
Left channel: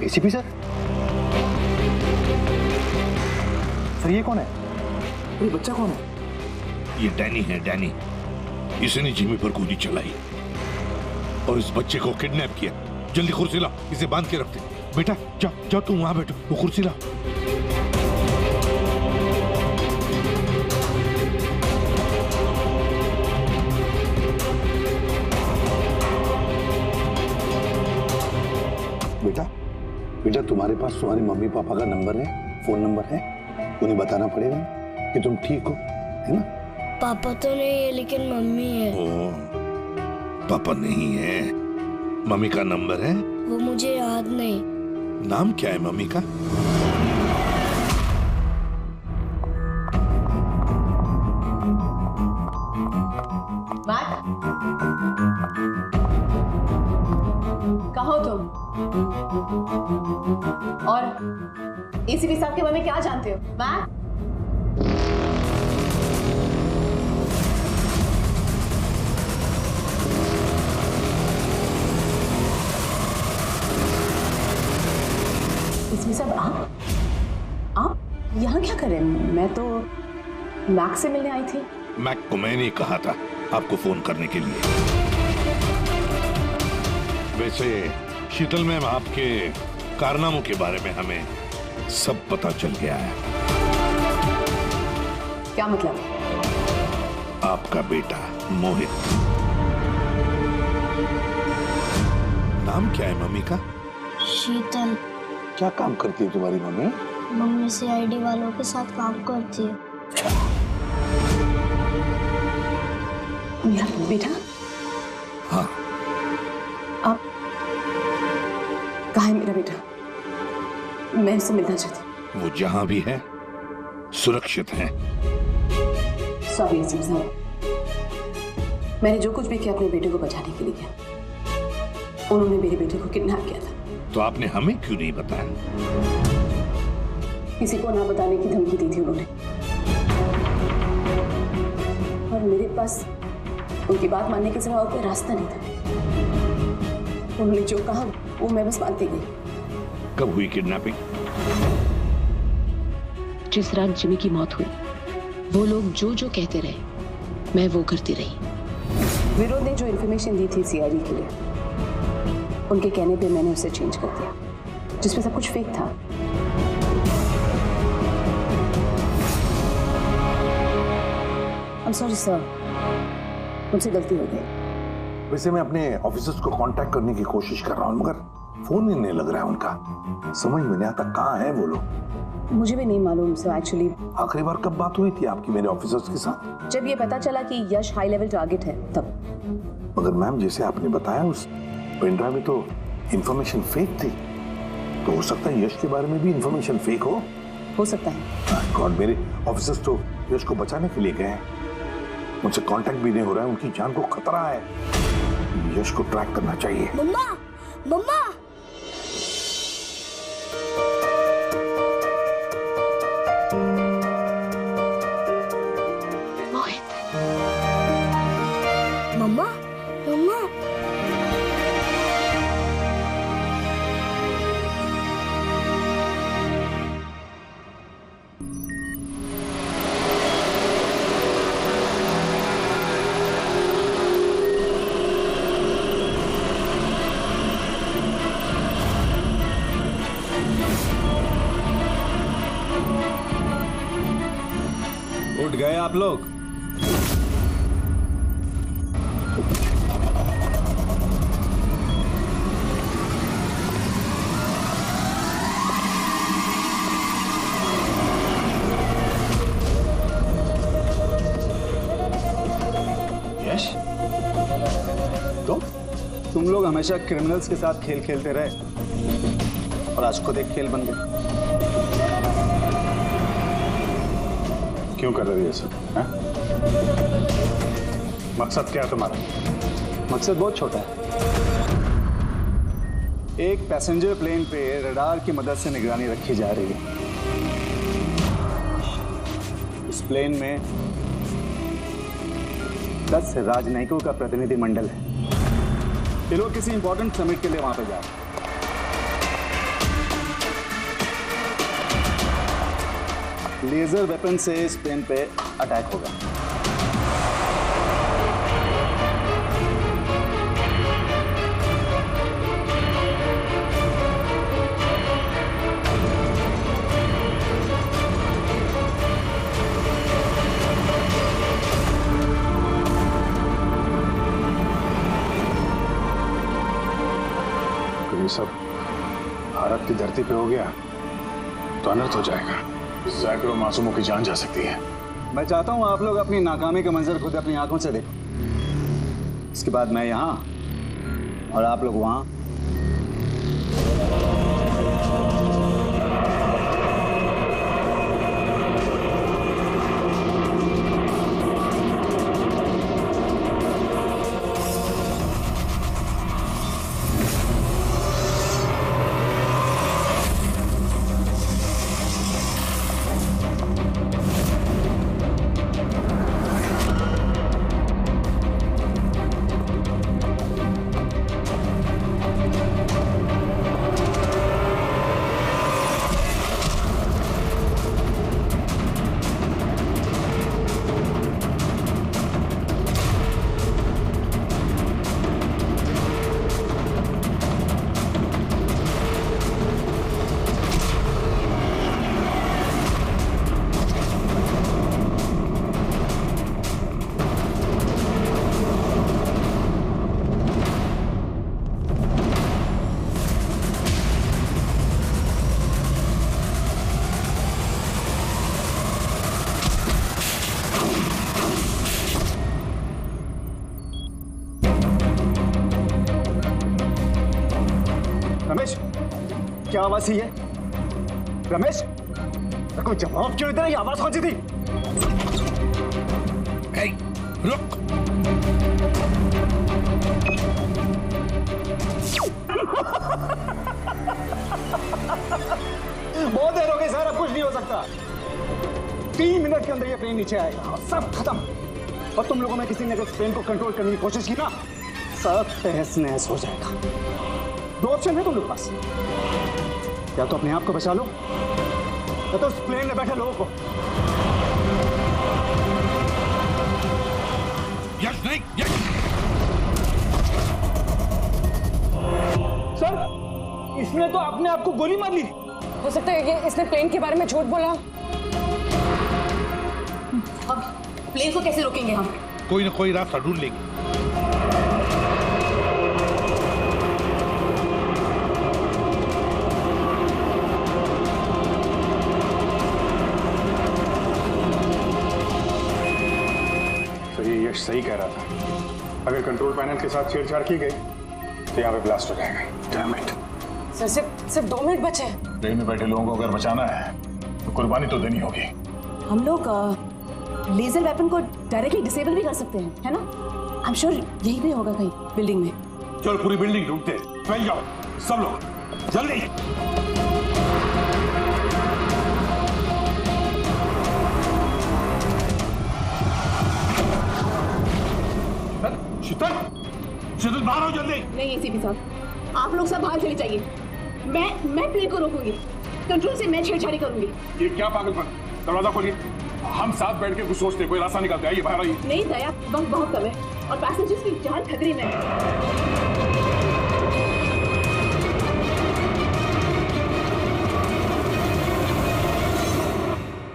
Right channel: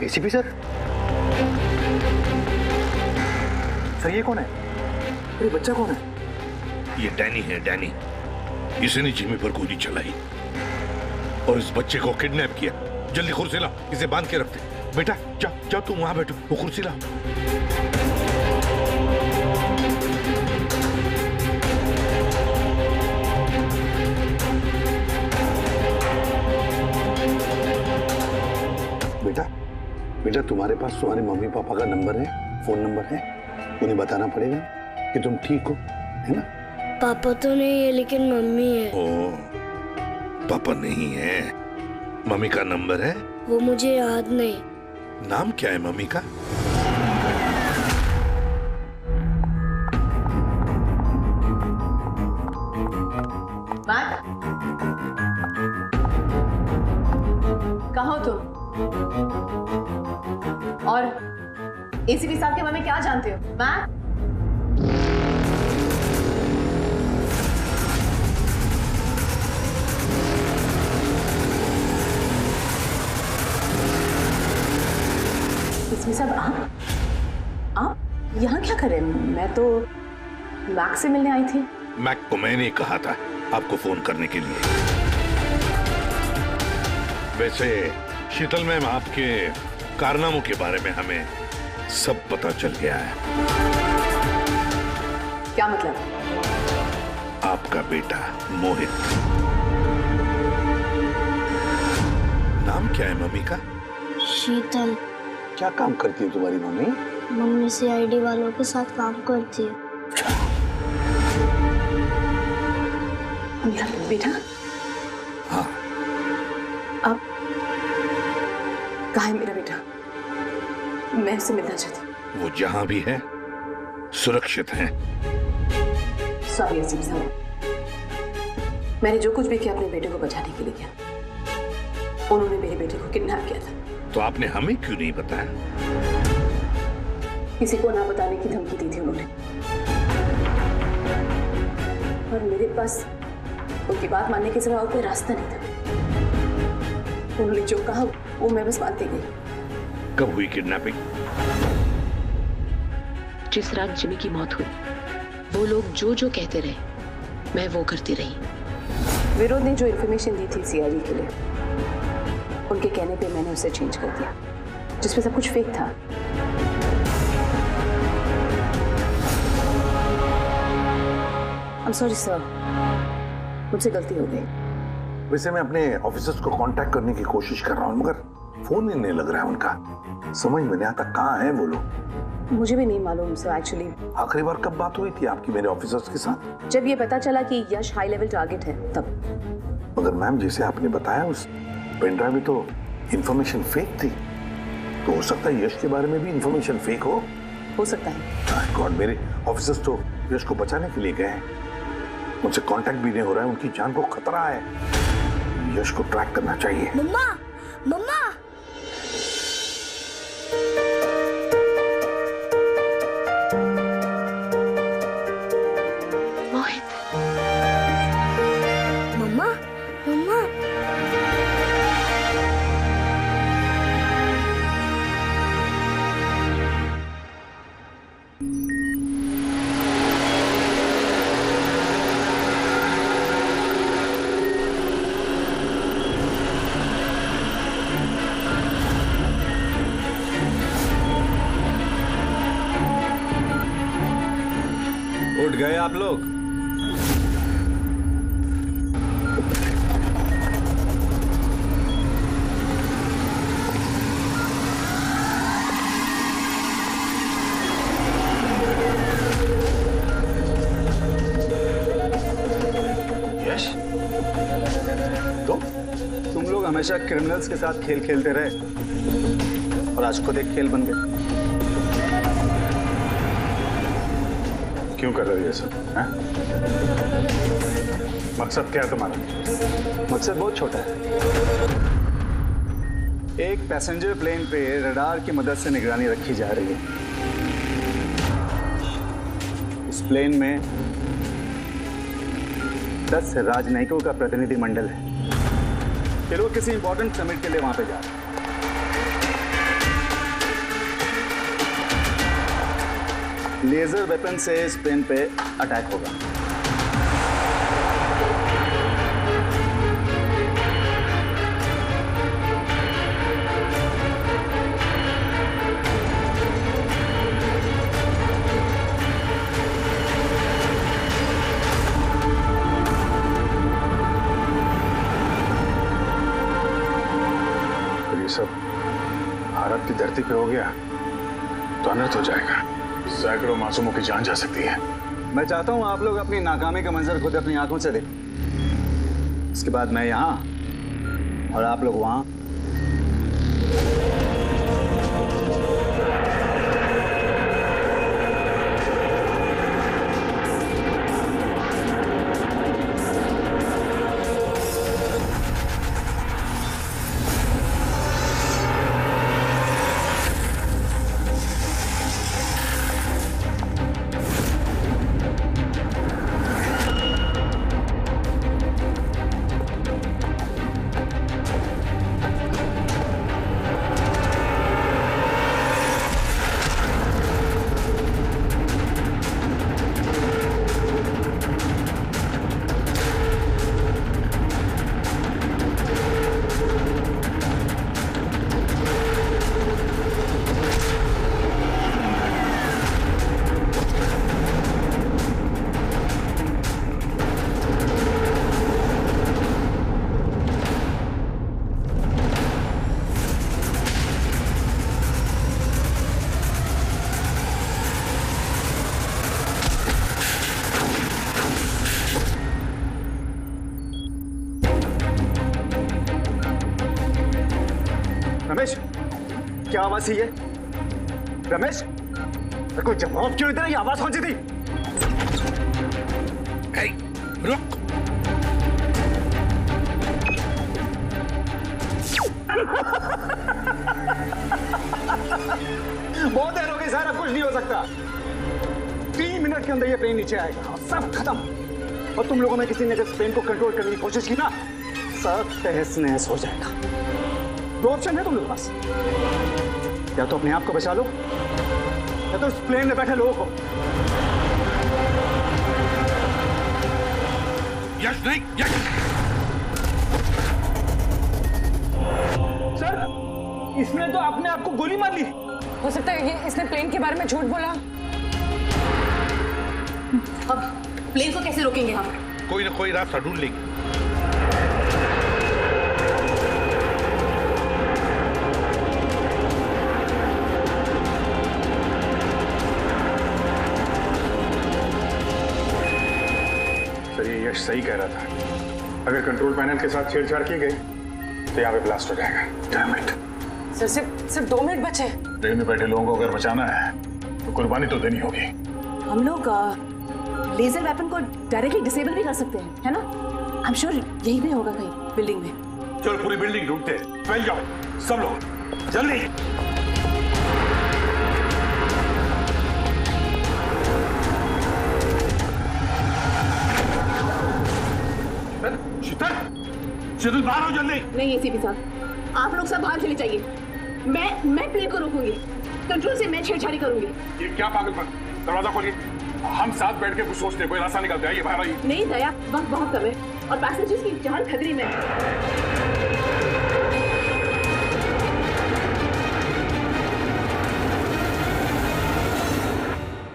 ACP sir? सर ये कौन है? ये बच्चा कौन है? ये डैनी है, डैनी। इसने जिमी पर गोली चलाई और इस बच्चे को किडनैप किया। जल्दी कुर्सी ला, इसे बांध के रखते। बेटा जा जा, तू वहां बैठो, वो कुर्सी ला। बेटा बेटा, तुम्हारे पास तुम्हारे मम्मी पापा का नंबर है, फोन नंबर है? उन्हें बताना पड़ेगा कि तुम ठीक हो, है ना? पापा तो नहीं है लेकिन मम्मी है। ओ, पापा नहीं है, मम्मी का नंबर है? वो मुझे याद नहीं। नाम क्या है मम्मी का? कहो तुम? और एसीपी साहब के बारे में क्या जानते हो? मैट? एसीपी साहब आप यहाँ क्या कर रहे हैं? मैं तो मैक से मिलने आई थी। मैक को मैंने कहा था आपको फोन करने के लिए। वैसे शीतल मैम, आपके कारनामों के बारे में हमें सब पता चल गया है। क्या मतलब? आपका बेटा मोहित। नाम क्या है मम्मी का? शीतल। क्या काम करती है तुम्हारी मम्मी? मम्मी सीआईडी वालों के साथ काम करती है। मेरा बेटा? हाँ। आप कहाँ है मेरा बेटा? मैं उससे मिलना चाहती हूँ। वो जहां भी है सुरक्षित है। सॉरी एसीपी साहब, मैंने जो कुछ भी किया अपने बेटे को बचाने के लिए किया। उन्होंने मेरे बेटे को किडनैप किया था। तो आपने हमें क्यों नहीं बताया? किसी को ना बताने की धमकी दी थी उन्होंने, और मेरे पास उनकी बात मानने के सिवा और कोई रास्ता नहीं था। उन्होंने जो कहा वो मैं बस मानती गई। कब हुई किडनैपिंग? जिस रात जिमी की मौत हुई, वो लोग जो जो कहते रहे मैं वो करती रही। विरोध ने जो इन्फॉर्मेशन दी थी सीआईडी के लिए, उनके कहने पे मैंने उसे चेंज कर दिया, जिसमें सब कुछ फेक था। I'm sorry sir, मुझसे गलती हो गई। वैसे मैं अपने ऑफिसर्स को कांटेक्ट करने की कोशिश कर रहा हूँ, मगर फोन ही नहीं लग रहा है उनका। समझ में नहीं आता कहाँ हैं वो लोग। मुझे भी नहीं मालूम सर एक्चुअली। आखिरी बार कब बात हुई थी आपकी मेरे ऑफिसर्स के साथ? जब ये पता चला कि यश हाई लेवल टारगेट है तब। मगर मैम, जैसे आपने बताया उस पेन ड्राइव में तो इंफॉर्मेशन फेक थी, तो हो सकता है यश के बारे में भी इंफॉर्मेशन फेक हो सकता है। गॉड, मेरे ऑफिसर्स तो यश को बचाने के लिए गए हैं, उनसे कांटेक्ट भी नहीं हो रहा है, उनकी जान को खतरा है। यश को ट्रैक करना चाहिए। मम्मा, मम्मा। मोहित। मम्मा, मम्मा। उठ गए आप लोग? यश, तो तुम लोग हमेशा क्रिमिनल्स के साथ खेल खेलते रहे और आज खुद एक खेल बन गए। क्यों कर रहे हो ये सब? हैं? मकसद क्या है तुम्हारा? मकसद बहुत छोटा है। एक पैसेंजर प्लेन पे रडार की मदद से निगरानी रखी जा रही है। उस प्लेन में 10 राजनयिकों का प्रतिनिधि मंडल है। ये लोग किसी इंपॉर्टेंट समिट के लिए वहां पे जा रहे हैं। लेजर वेपन से इस प्लेन पे अटैक होगा। अगर ये सब भारत की धरती पे हो गया तो अनर्थ हो जाएगा। सैकड़ों मासूमों की जान जा सकती है। मैं चाहता हूं आप लोग अपनी नाकामी का मंजर खुद अपनी आंखों से देखो। इसके बाद मैं यहां और आप लोग वहां। रमेश, क्या आवाज थी ये? रमेश, कोई जवाब क्यों इधर? आवाज कौन सी थी? रुक। बहुत देर हो गई सर, अब कुछ नहीं हो सकता। 3 मिनट के अंदर ये प्लेन नीचे आएगा और सब खत्म। और तुम लोगों में किसी ने अगर प्लेन को कंट्रोल करने की कोशिश की ना, सब तहस नहस हो जाएगा। 2 ऑप्शन है तुम लोगों के पास, या तो अपने आप को बचा लो या तो उस प्लेन में बैठे लोगों को। यश नहीं, यश। सर, इसने तो अपने आप को गोली मार ली। हो सकता है ये इसने प्लेन के बारे में झूठ बोला। अब प्लेन को कैसे रोकेंगे हम? कोई ना कोई रास्ता ढूंढ लेंगे। सर, ये यश सही कह रहा था। अगर कंट्रोल पैनल के साथ छेड़छाड़ की गई तो यहाँ पे ब्लास्ट हो जाएगा। Damn it. सर, सिर्फ 2 मिनट बचे हैं। ट्रेन में बैठे लोगों को अगर बचाना है तो कुर्बानी तो देनी होगी। हम लोग लेजर वेपन को डायरेक्टली डिसेबल भी कर सकते हैं, है ना? आई एम श्योर यही पे होगा कहीं बिल्डिंग में। चल पूरी बिल्डिंग ढूंढते, फैल जाओ सब लोग, जल्दी। शीतल, शीतल बाहर हो जल्दी। नहीं एसीपी साहब, आप लोग सब बाहर चले जाइए। मैं प्लेन को रोकूंगी, कंट्रोल से मैं छेड़छाड़ी करूंगी। ये क्या पागलपन? दरवाजा खोलिए, हम साथ बैठ के कुछ सोचते हैं, कोई रास्ता निकालते हैं। आइए बाहर आइए। नहीं दया, वक्त बहुत कम है और पैसेंजर्स की जान खतरे में है।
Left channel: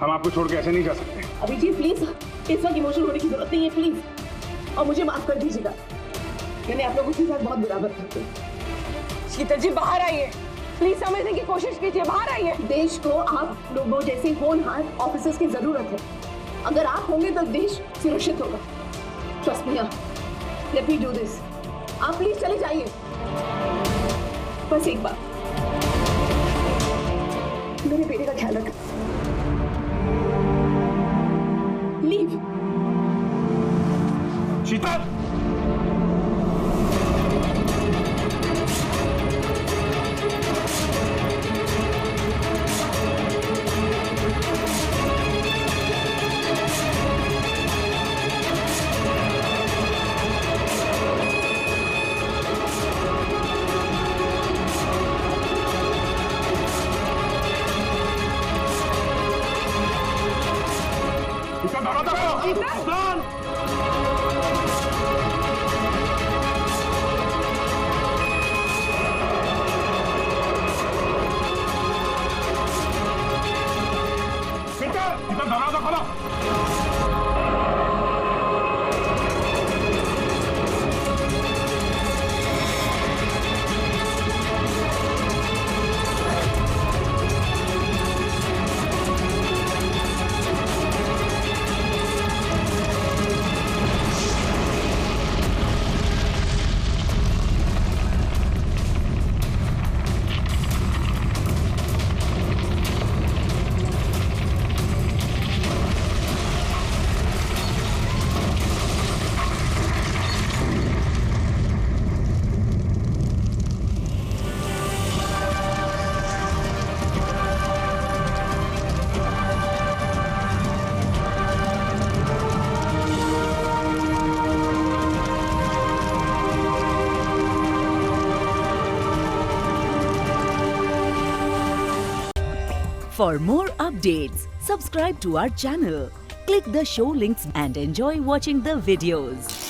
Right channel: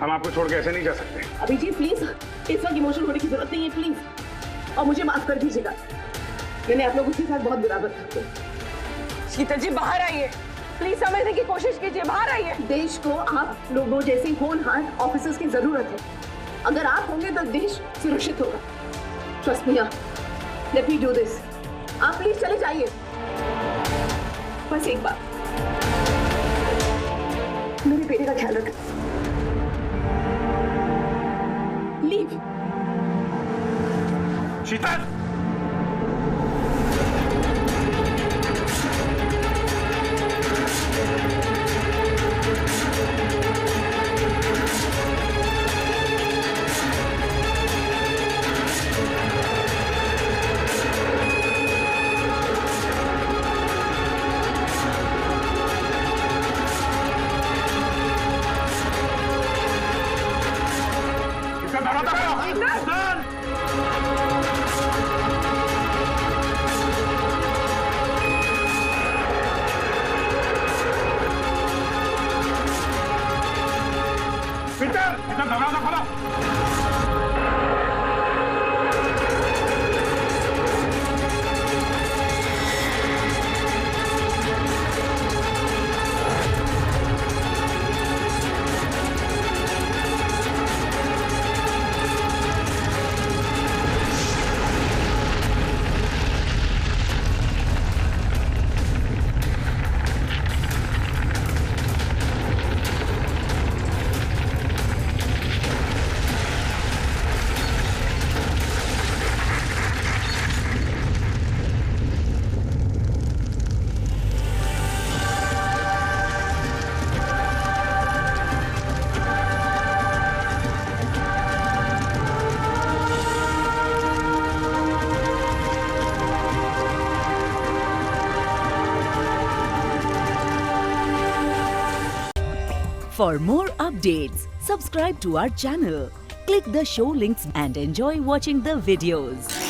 हम आपको छोड़ के ऐसे नहीं जा सकते। अभिजीत प्लीज, इस वक्त इमोशनल होने की जरूरत नहीं है प्लीज, और मुझे माफ कर दीजिएगा। मैंने आप लोगों के साथ बहुत बुरा बर्ताव किया। शीतल जी बाहर आइए, प्लीज समझने की कोशिश कीजिए, बाहर आइए। देश को आप लोगों जैसे होनहार ऑफिसर्स की जरूरत है। अगर आप होंगे तो देश सुरक्षित होगा। Trust me, let me do this. आप प्लीज चले जाइए। बस एक बार। मेरे बेटे का ख्याल रख। लीव। शीतल, दरवाजा खोलो। For more updates, subscribe to our channel, click the show links and enjoy watching the videos.